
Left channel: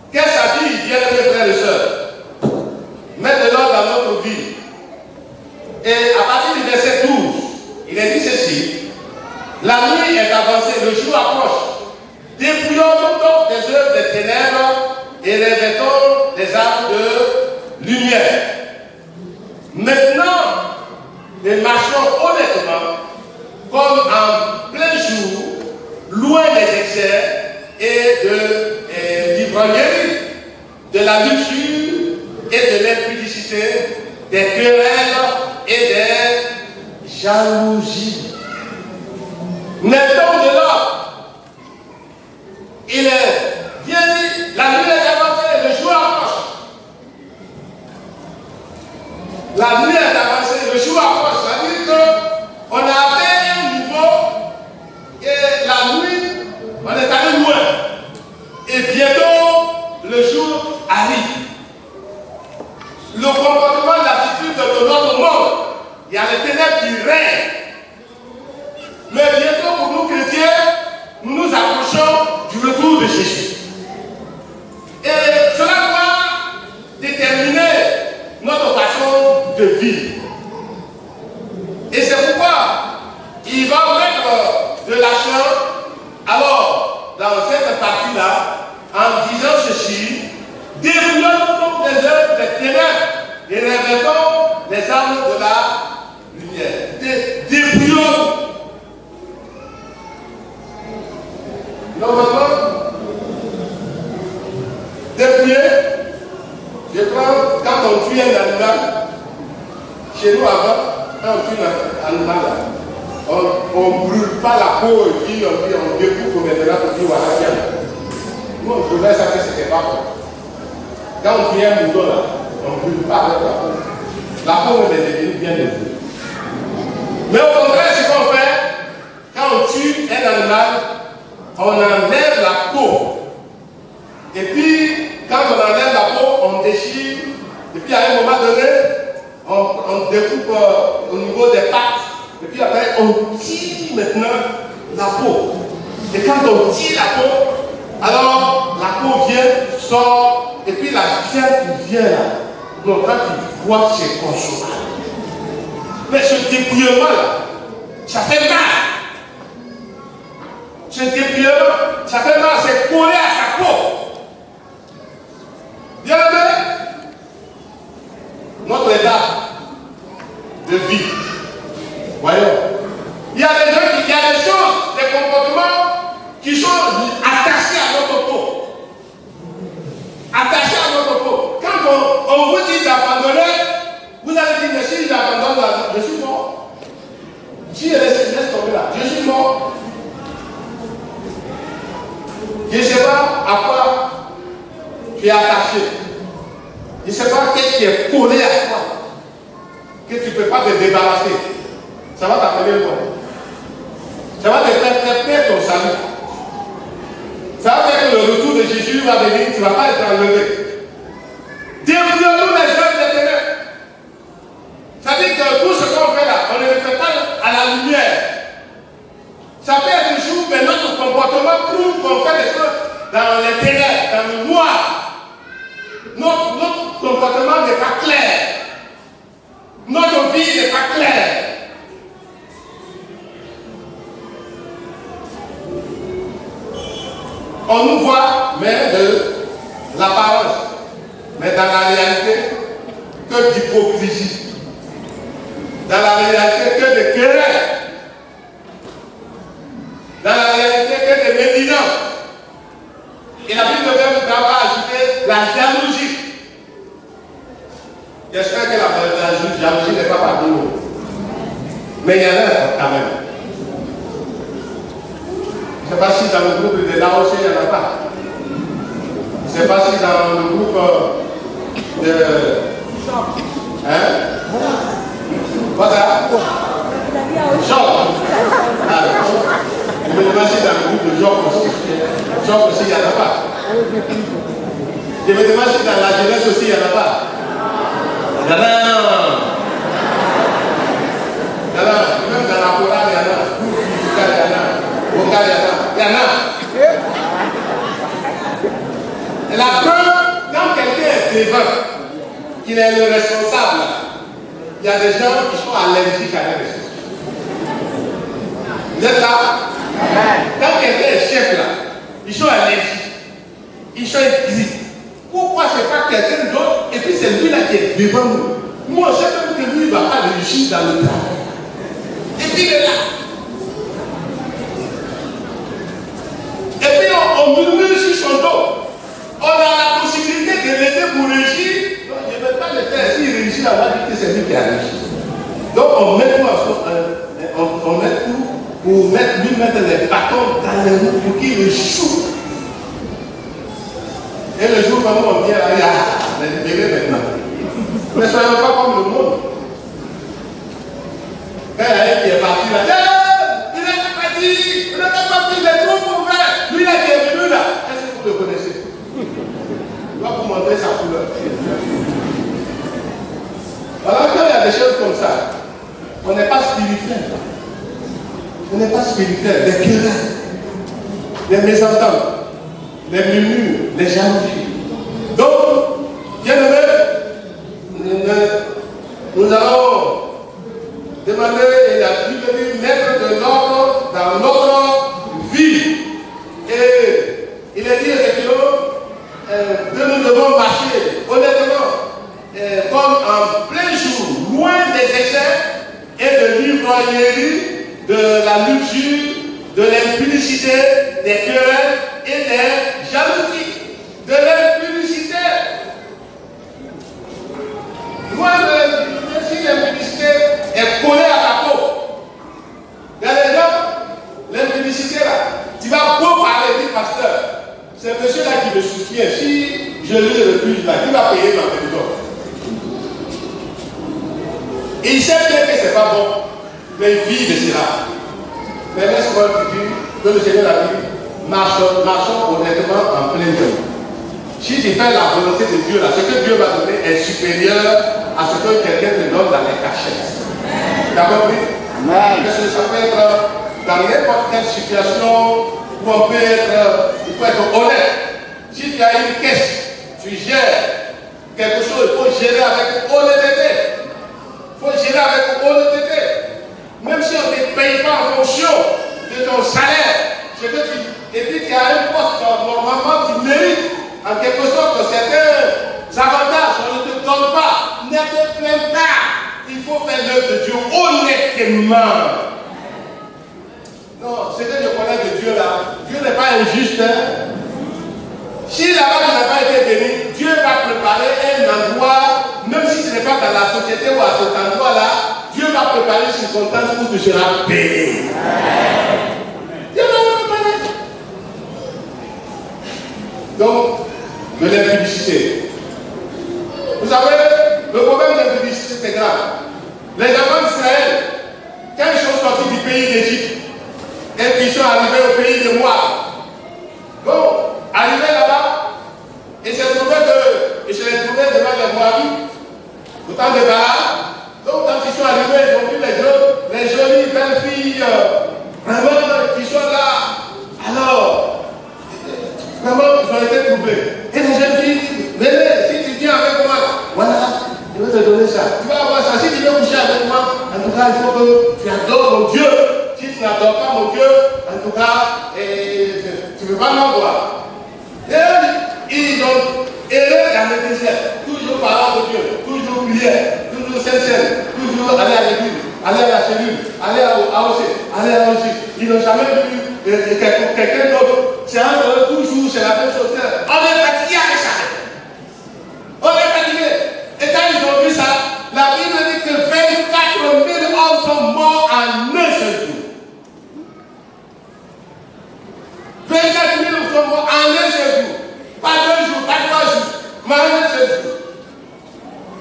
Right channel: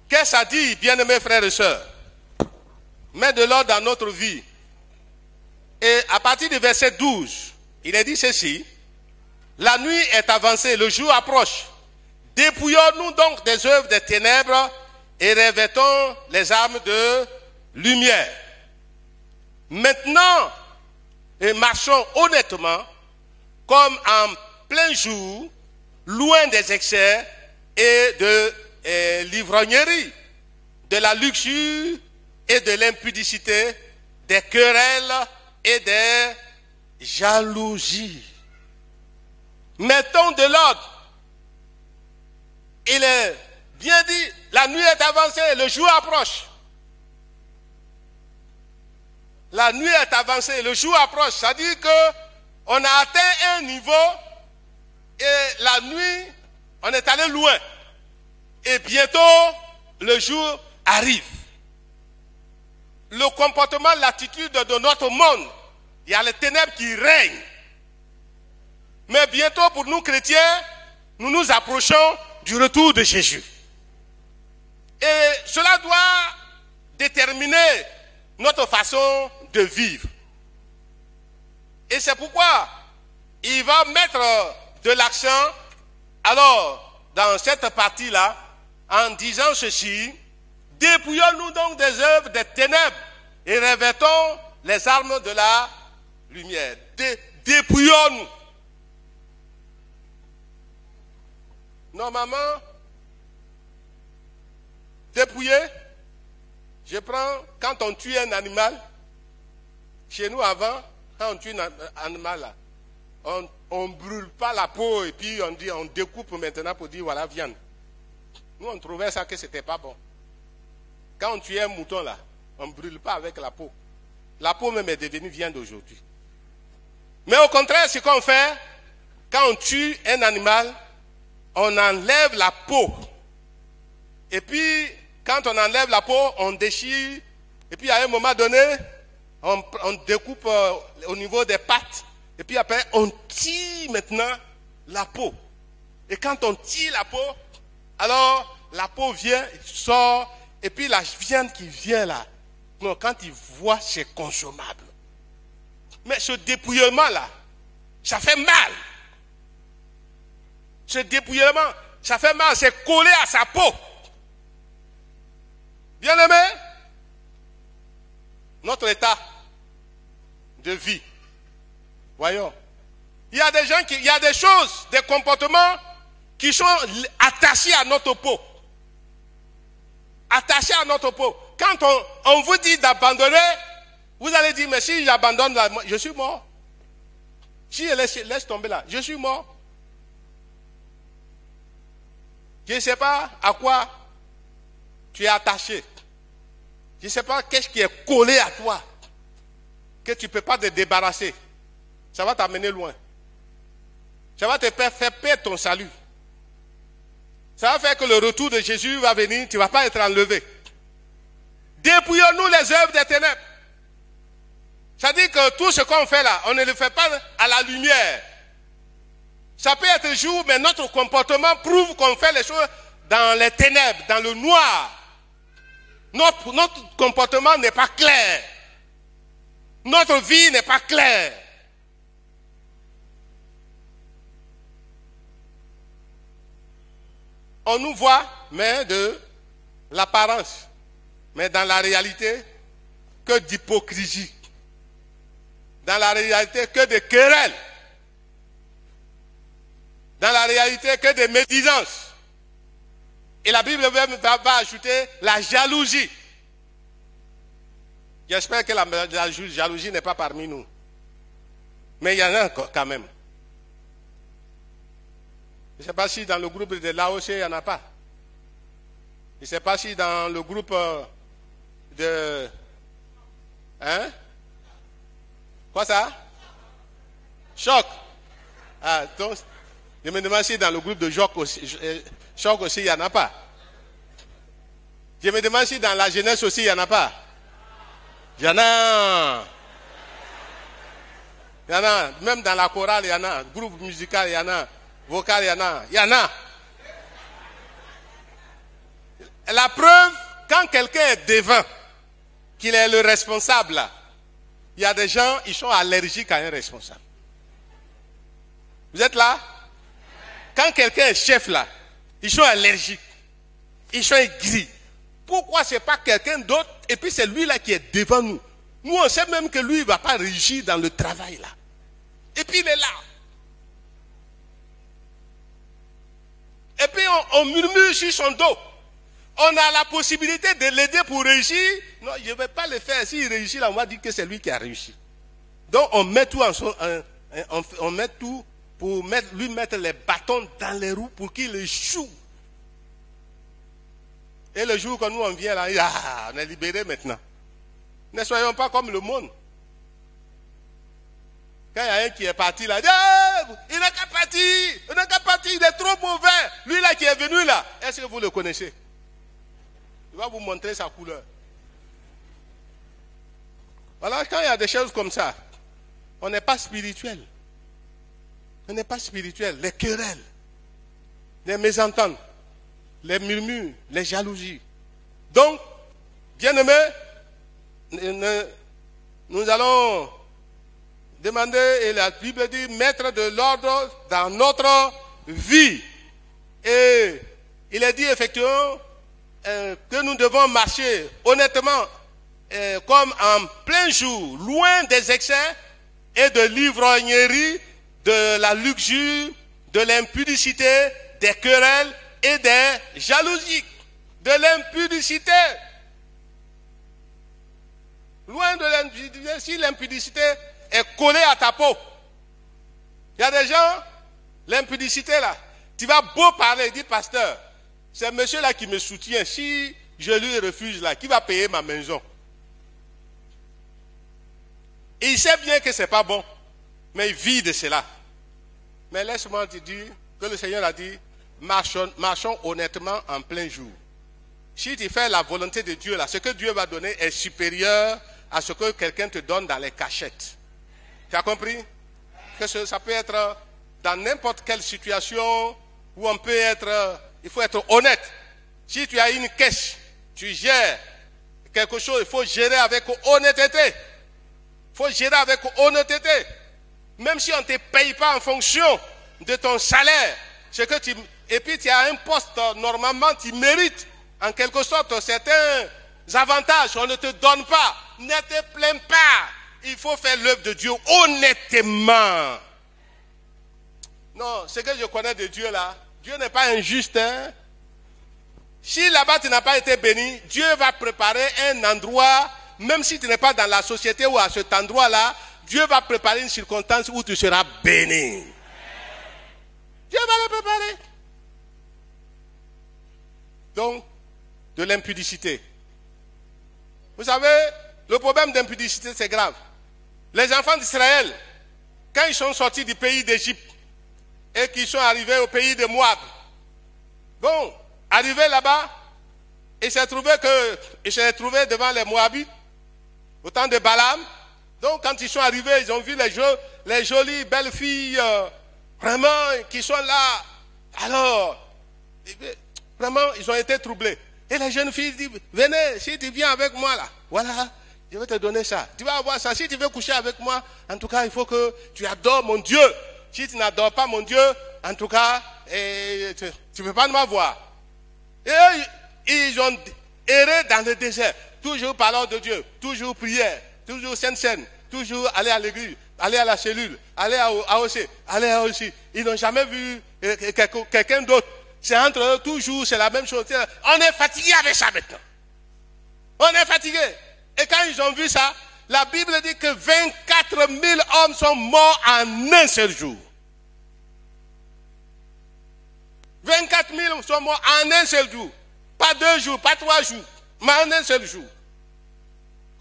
Qu'est-ce que ça dit, bien-aimés frères et sœurs? Mettre de l'ordre dans notre vie. Et à partir du verset 12, il est dit ceci. La nuit est avancée, le jour approche. Dépouillons-nous donc des œuvres des ténèbres et revêtons les armes de lumière. Maintenant, et marchons honnêtement, comme en plein jour, loin des excès et de l'ivrognerie, de la luxure et de l'impudicité, des querelles et des jalousies. Mettons de l'ordre. Il est bien dit, la nuit est avancée, le jour approche. La nuit est avancée, le jour approche. C'est-à-dire qu'on a atteint un niveau et la nuit, on est allé loin. Et bientôt, le jour arrive. Le comportement, l'attitude de notre monde, il y a les ténèbres qui règnent. Mais bientôt, pour nous chrétiens, nous nous approchons du retour de Jésus. Et cela va déterminer notre façon de vivre. Et c'est pourquoi il va mettre de l'argent, alors, dans cette partie-là, en disant ceci, dépouillons-nous donc des œuvres des ténèbres et revêtons les armes de la lumière. Dépouillons-nous. Normalement, dépouiller, je prends, quand on tue un animal, chez nous avant, quand on tue un animal, on ne brûle pas la peau et puis on découpe maintenant pour dire voilà, tiens. Nous on brûlait ça que c'était pas bon. Quand on tue un mouton là, on ne brûle pas avec la peau. La peau est devenue bien découpée. Mais au contraire, ce qu'on fait, quand on tue un animal, on enlève la peau. Et puis, quand on enlève la peau, on déchire. Et puis, à un moment donné, on découpe au Et puis après, on tire maintenant la peau. Et quand on tire la peau, alors la peau vient, sort, et puis la chair qui vient là. Donc quand tu vois, c'est consommable. Mais ce dépouillement là, ça fait mal. Ce dépouillement, ça fait mal, c'est collé à sa peau. Bien aimé, notre état de vie. Voyons. Il y a des gens il y a des choses, des comportements qui sont attachés à notre peau. Attachés à notre peau. Quand on vous dit d'abandonner, vous allez dire, mais si j'abandonne là, je suis mort. Si elle laisse tomber là, je suis mort. Je ne sais pas à quoi tu es attaché. Je ne sais pas qu'est-ce qui est collé à toi. Que tu ne peux pas te débarrasser. Ça va t'appeler quoi? Ça va te faire perdre ton salut. Ça va faire que le retour de Jésus va venir, tu ne vas pas être enlevé. Débrouillons-nous les œuvres des ténèbres. Ça veut dire que tout ce qu'on fait là, on ne le fait pas à la lumière. Ça peut être le jour, mais notre comportement prouve qu'on fait les choses dans les ténèbres, dans le noir. Notre comportement n'est pas clair. Notre vie n'est pas claire. On nous voit, mais de l'apparence. Mais dans la réalité, que d'hypocrisie. Dans la réalité, que de querelles. Dans la réalité, que de médisance. Et la Bible même va ajouter la jalousie. J'espère que la jalousie n'est pas parmi nous. Mais il y en a quand même. Je ne sais pas si dans le groupe de là aussi il n'y en a pas. Je ne sais pas si dans le groupe de. Hein? Voilà. Job. Je me demande si dans le groupe de Job aussi. Job aussi, il n'y en a pas. Je me demande si dans la jeunesse aussi, il n'y en a pas. Il y en a. Il y en a. Même dans la Corée, il y en a. Il y en a. Au cas, il y en a. Il y en a. Et la preuve, quand quelqu'un est devant, qu'il est le responsable, il y a des gens qui sont allergiques à les responsables. Vous êtes là? Quand quelqu'un est chef là, ils sont allergiques. Ils sont écrits. Pourquoi c'est pas quelqu'un d'autre et puis c'est lui là qui est devant nous? Nous on sait même que lui il ne va pas réussir dans le travail. Et puis il est là. Et puis on murmure sur son dos. On a la possibilité de l'aider pour réussir. Donc je ne vais pas le faire. S'il réussit là, on va dire que c'est lui qui a réussi. Donc on met tout on met tout pour lui mettre les bâtons dans les roues pour qu'il échoue. Et le jour où on vient là, il est libéré maintenant. Mais ce n'est pas comme le monde. Quand il y a un qui est parti là, il n'est pas parti, il est trop mauvais. Lui là qui est venu là, est-ce que vous le connaissez? Je vais vous montrer sa couleur. Alors quand il y a des choses comme ça, on n'est pas spirituel. On n'est pas spirituel, des querelles, des mésententes, les murmures, les jalousies. Donc, bien aimé, nous allons demander, la Bible dit, mettre de l'ordre dans notre vie. Et il est dit effectivement que nous devons marcher honnêtement, comme en plein jour, loin des excès et de l'ivrognerie, de la luxure, de l'impudicité, des querelles et des jalousies. De l'impudicité. Moi, si l'impudicité est collée à ta peau, il y a des gens, l'impudicité là, tu vas beau parler du pasteur. C'est monsieur là qui me soutient. Si je le refuse là, il va payer ma maison. Il sait bien que c'est pas bon. Mais vie de cela. Mais laisse-moi te dire que le Seigneur a dit, marchons honnêtement en plein jour. Si tu fais la volonté de Dieu, là, ce que Dieu va donner est supérieur à ce que quelqu'un te donne dans les cachettes. Tu as compris? peut être dans n'importe quelle situation où on peut être, il faut être honnête. Si tu as une caisse, tu gères quelque chose, il faut gérer avec honnêteté. Il faut gérer avec honnêteté. Même si on ne te paye pas en fonction de ton salaire, et puis tu as un poste, normalement tu mérites en quelque sorte certains avantages, on ne te donne pas, ne te plains pas. Il faut faire l'œuvre de Dieu honnêtement. Non, ce que je connais de Dieu là, Dieu n'est pas injuste. Hein? Si là-bas tu n'as pas été béni, Dieu va préparer un endroit, même si tu n'es pas dans la société ou à cet endroit-là, Dieu va préparer une circonstance où tu seras béni. Dieu va préparer. Donc, de l'impudicité. Vous savez, le problème d'impudicité c'est grave. Les enfants d'Israël, quand ils sont sortis du pays d'Égypte, et qu'ils sont arrivés au pays de Moab, bon, arrivés là-bas, ils se trouvaient devant les Moabites, au temps de Balaam. Donc quand ils sont arrivés, ils ont vu les jolies belles filles, vraiment, qui sont là. Alors, vraiment, ils ont été troublés. Et les jeunes filles disent, venez, si tu viens avec moi, voilà, je vais te donner ça. Tu vas avoir ça. Si tu veux coucher avec moi, en tout cas, il faut que tu adores mon Dieu. Si tu n'adores pas mon Dieu, en tout cas, tu ne veux pas m'avoir. Et ils ont erré dans le désert, toujours parlant de Dieu, toujours prière, toujours sincère, toujours aller à l'église, aller à la cellule, aller à Ossé, aller à Ossé. Ils n'ont jamais vu quelqu'un d'autre. C'est entre eux toujours, c'est la même chose. On est fatigué avec ça. On est fatigué. Et quand ils ont vu ça, la Bible dit que 24 000 hommes sont morts en un seul jour. 24 000 sont morts en un seul jour. Pas 2 jours, pas 3 jours, mais en un seul jour.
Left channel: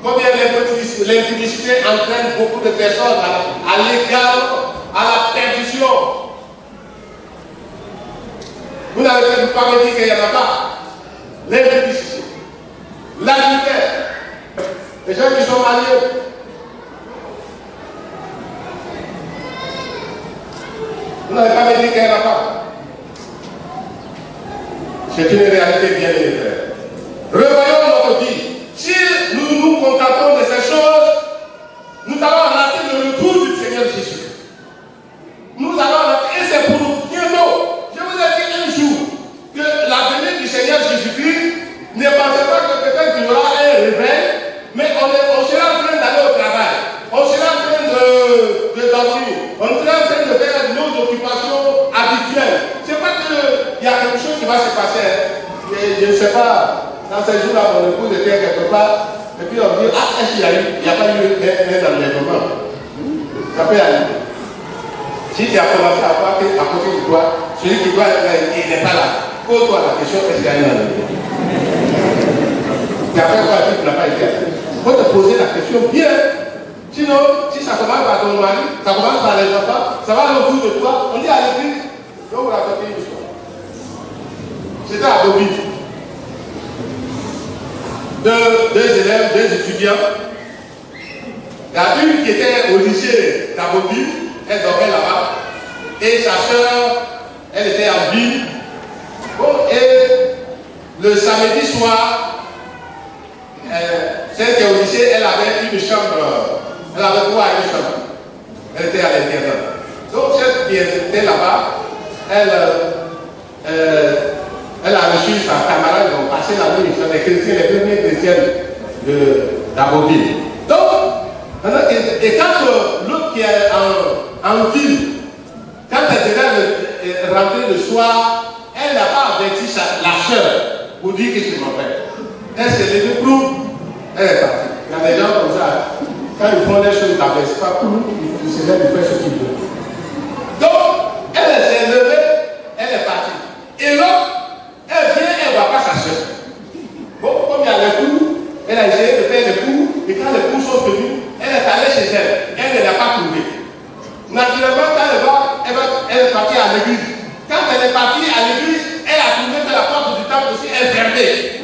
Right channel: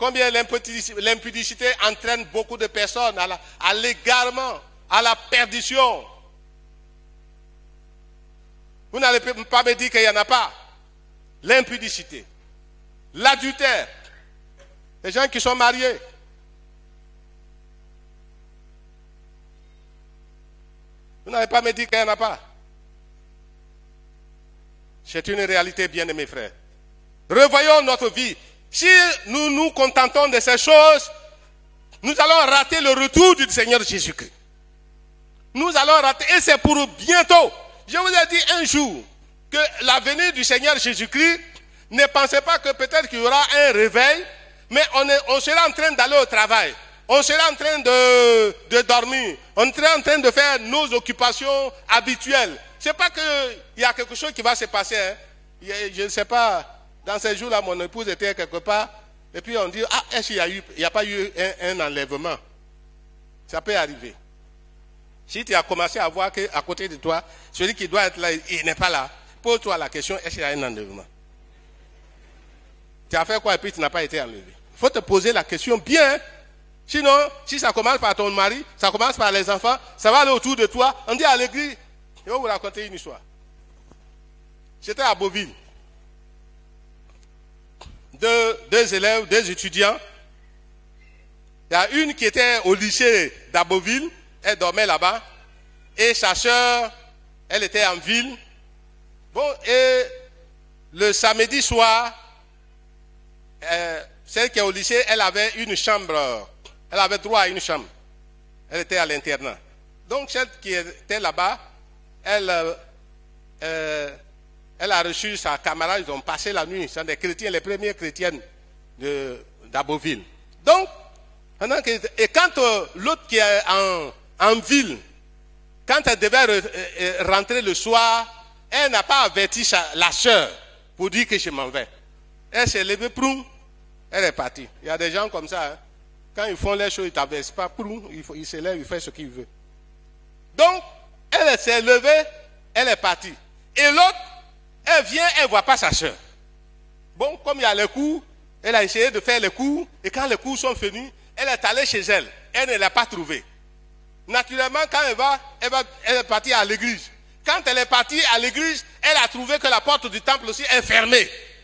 Combien l'impudicité entraîne beaucoup de personnes à l'égard, à la perdition. Vous n'avez pas me dire qu'il n'y en a pas. L'impudicité, l'adultère, les gens qui sont mariés. Vous n'avez pas me dire qu'il n'y en a pas. C'est une réalité bien élevée. Revoyons notre vie. Si nous nous contentons de ces choses, nous allons rater le retour du Seigneur Jésus-Christ. Nous allons rater, et c'est pour bientôt. Je vous ai dit un jour que la venue du Seigneur Jésus-Christ, ne pensez pas que peut-être qu'il y aura un réveil, mais on sera en train d'aller au travail, on sera en train de dormir, on sera en train de faire nos occupations habituelles. C'est pas qu'il y a quelque chose qui va se passer. Et je ne sais pas, dans ces jours-là, on écoute de dire quelque part, et puis on dit, ah, est-ce qu'il n'y a pas eu un enlèvement? Ça peut aller. Si tu as commencé à voir qu'à côté de toi, celui qui va être là, il n'est pas là. Pose-toi la question, est-ce qu'il y a un enlèvement? Tu as fait quoi et tu n'as pas été là? Il faut te poser la question bien. Sinon, si ça commence par ton mari, ça commence par les enfants, ça va aller autour de toi, on dit à l'église, je vais vous raconter une histoire. C'était à Bobine. Deux élèves, 2 étudiants. Il y a une qui était au lycée d'Abobine, elle dormait là-bas. Et sa soeur, elle était en ville. Bon, et le samedi soir, celle qui est au lycée, elle avait une chambre. Elle avait droit à une chambre. Elle était à l'intérieur. Donc celle qui était là-bas, elle a reçu sa camarade, donc passé la nuit, sur les chrétiens, les premiers chrétiens d'Abobine. Donc, et quand l'autre qui est en ville, quand elle devait rentrer le soir, elle n'a pas averti la soeur pour dire que je m'en vais. Elle s'est levée pour elle est partie. Il y a des gens comme ça, quand ils font des choses, ils n'appellent pas pour nous, ils se lèvent, ils font ce qu'ils veulent. Donc, elle s'est levée, elle est partie. Et l'autre, elle vient, elle ne voit pas sa soeur. Bon, comme il y a les coups, elle a essayé de faire les coups, et quand les coups sont venus, elle est allée chez elle, elle ne l'a pas trouvé. Naturellement, quand elle est partie à l'église. Quand elle est partie à l'église, elle a trouvé que la porte du temple aussi est fermée.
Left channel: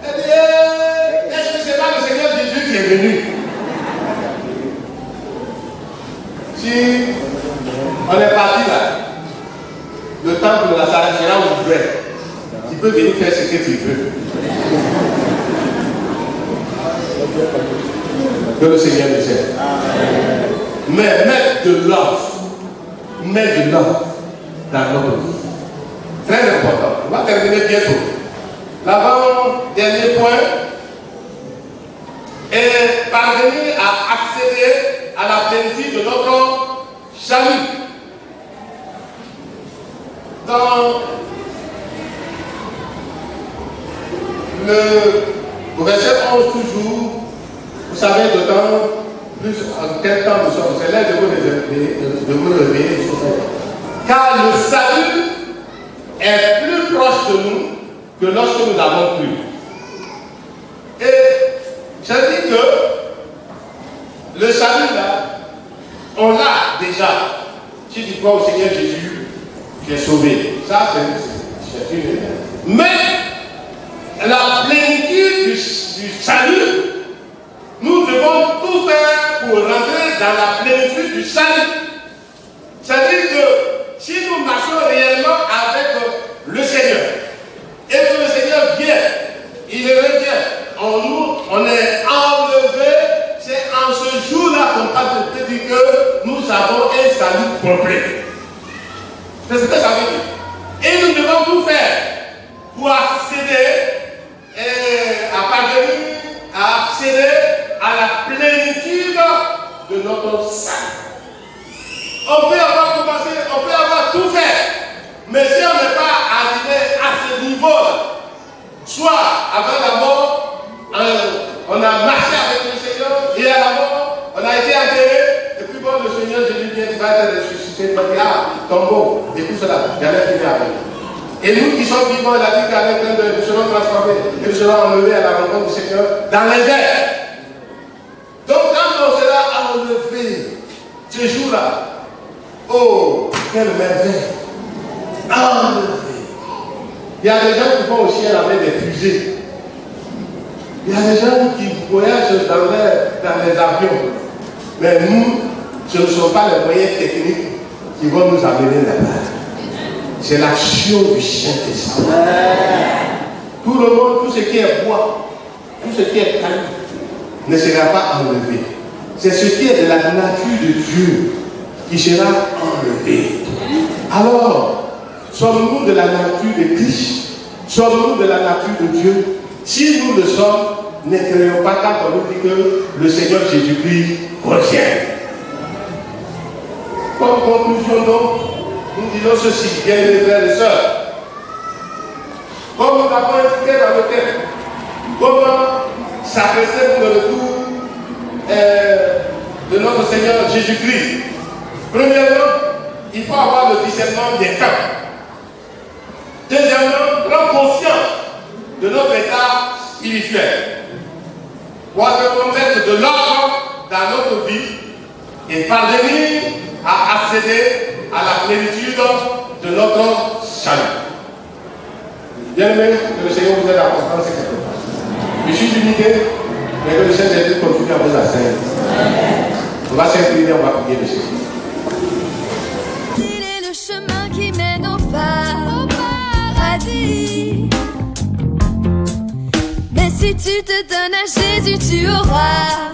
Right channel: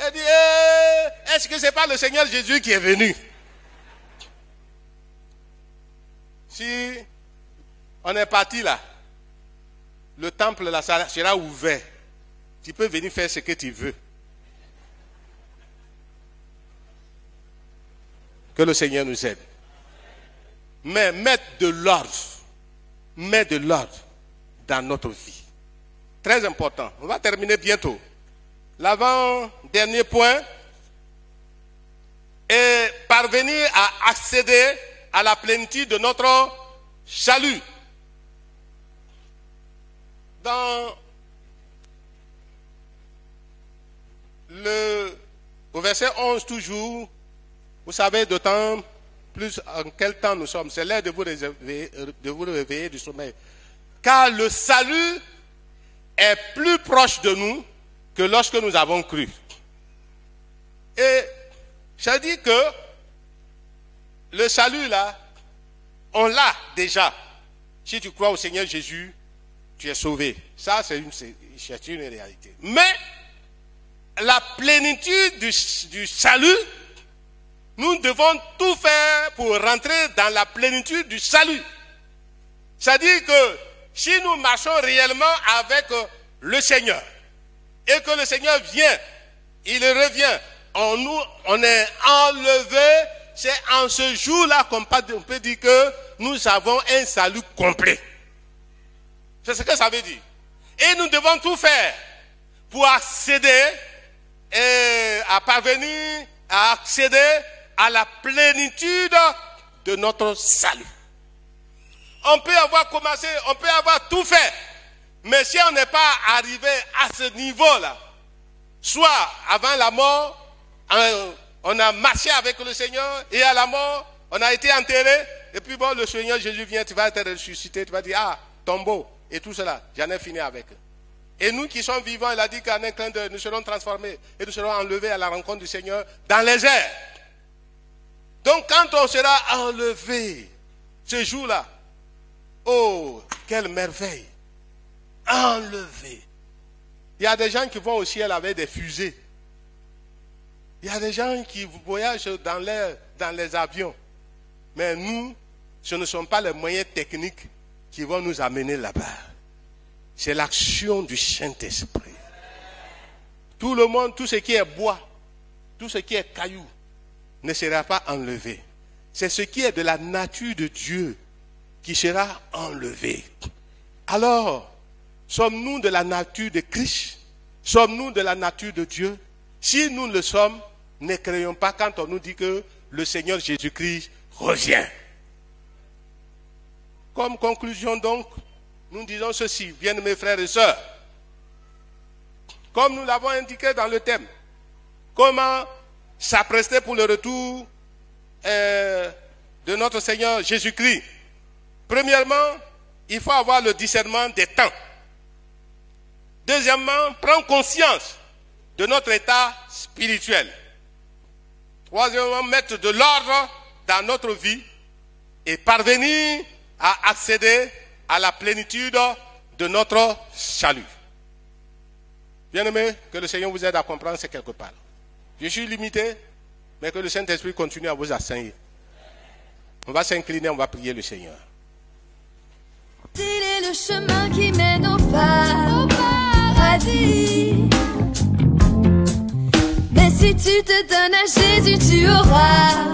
Elle dit, est-ce que ce n'est pas le Seigneur Jésus qui est venu? Si qu'il veut. Que le Seigneur nous aide. Mais mettre de l'ordre. Mettre de l'ordre dans notre vie. Très important. On va terminer bientôt. L'avant-dernier point est parvenir à accéder à la plénitude de notre salut. Au verset 11 toujours, vous savez le temps, plus en quel temps nous sommes, c'est l'heure de vous lever. Car le salut est plus proche de nous que lorsque nous avons cru. Et j'ai dit que le salut là, on l'a déjà. Si tu crois au Seigneur Jésus, tu es sauvé. Ça, c'est une. Mais la plénitude du salut, nous devons tout faire pour rentrer dans la plénitude du salut. C'est-à-dire que si nous marchons réellement avec le Seigneur, et que le Seigneur vient, il revient en nous, on est enlevé, c'est en ce jour-là qu'on peut dire que nous avons un salut complet. C'est ce que ça veut dire. Et nous devons tout faire pour accéder à parvenir à accéder à la plénitude de notre salut. On peut avoir commencé, on peut avoir tout fait, mais si on n'est pas arrivé à ce niveau-là, soit avant la mort, on a marché avec le Seigneur, et à la mort, on a été enterré, et puis bon, le Seigneur Jésus vient, tu vas être ressuscité, tombeau, et tout cela, il allait finir avec. Et nous qui sommes vivants, la vie qu'elle nous serons transformés, et nous serons enlevés à la rencontre du Seigneur dans les airs. Donc quand on sera enlevé, ce jour-là, oh, quelle merveille! Enlevé. Il y a des gens qui vont au ciel avec des fusées. Il y a des gens qui voyagent dans les avions. Mais nous, ce ne sont pas les moyens techniques qui vont nous amener là-bas. C'est l'action du Saint-Esprit. Tout le monde, tout ce qui est bois, tout ce qui est calme, ne sera pas enlevé. C'est ce qui est de la nature de Dieu qui sera enlevé. Alors, sommes-nous de la nature de Christ? Sommes-nous de la nature de Dieu? Si nous le sommes, n'écrivons pas quand on nous dit que le Seigneur Jésus-Christ revient. Comme conclusion donc, nous disons ceci, bien mes frères et sœurs. Comme nous l'avons indiqué dans le texte, comment s'apprêter pour le retour de notre Seigneur Jésus-Christ. Premièrement, il faut avoir le discernement des temps. Deuxièmement, prendre conscience de notre état spirituel. Troisièmement, mettre de l'ordre dans notre vie et parvenir à accéder à la plénitude de notre salut. Bien-aimés, que le Seigneur vous aide à comprendre ces questions. Je suis limité, mais que le Seigneur continue à vous asseoir. On va s'incliner, on va prier le Seigneur. Il est le chemin qui mène au paradis. Mais si tu te donnes à Jésus, tu auras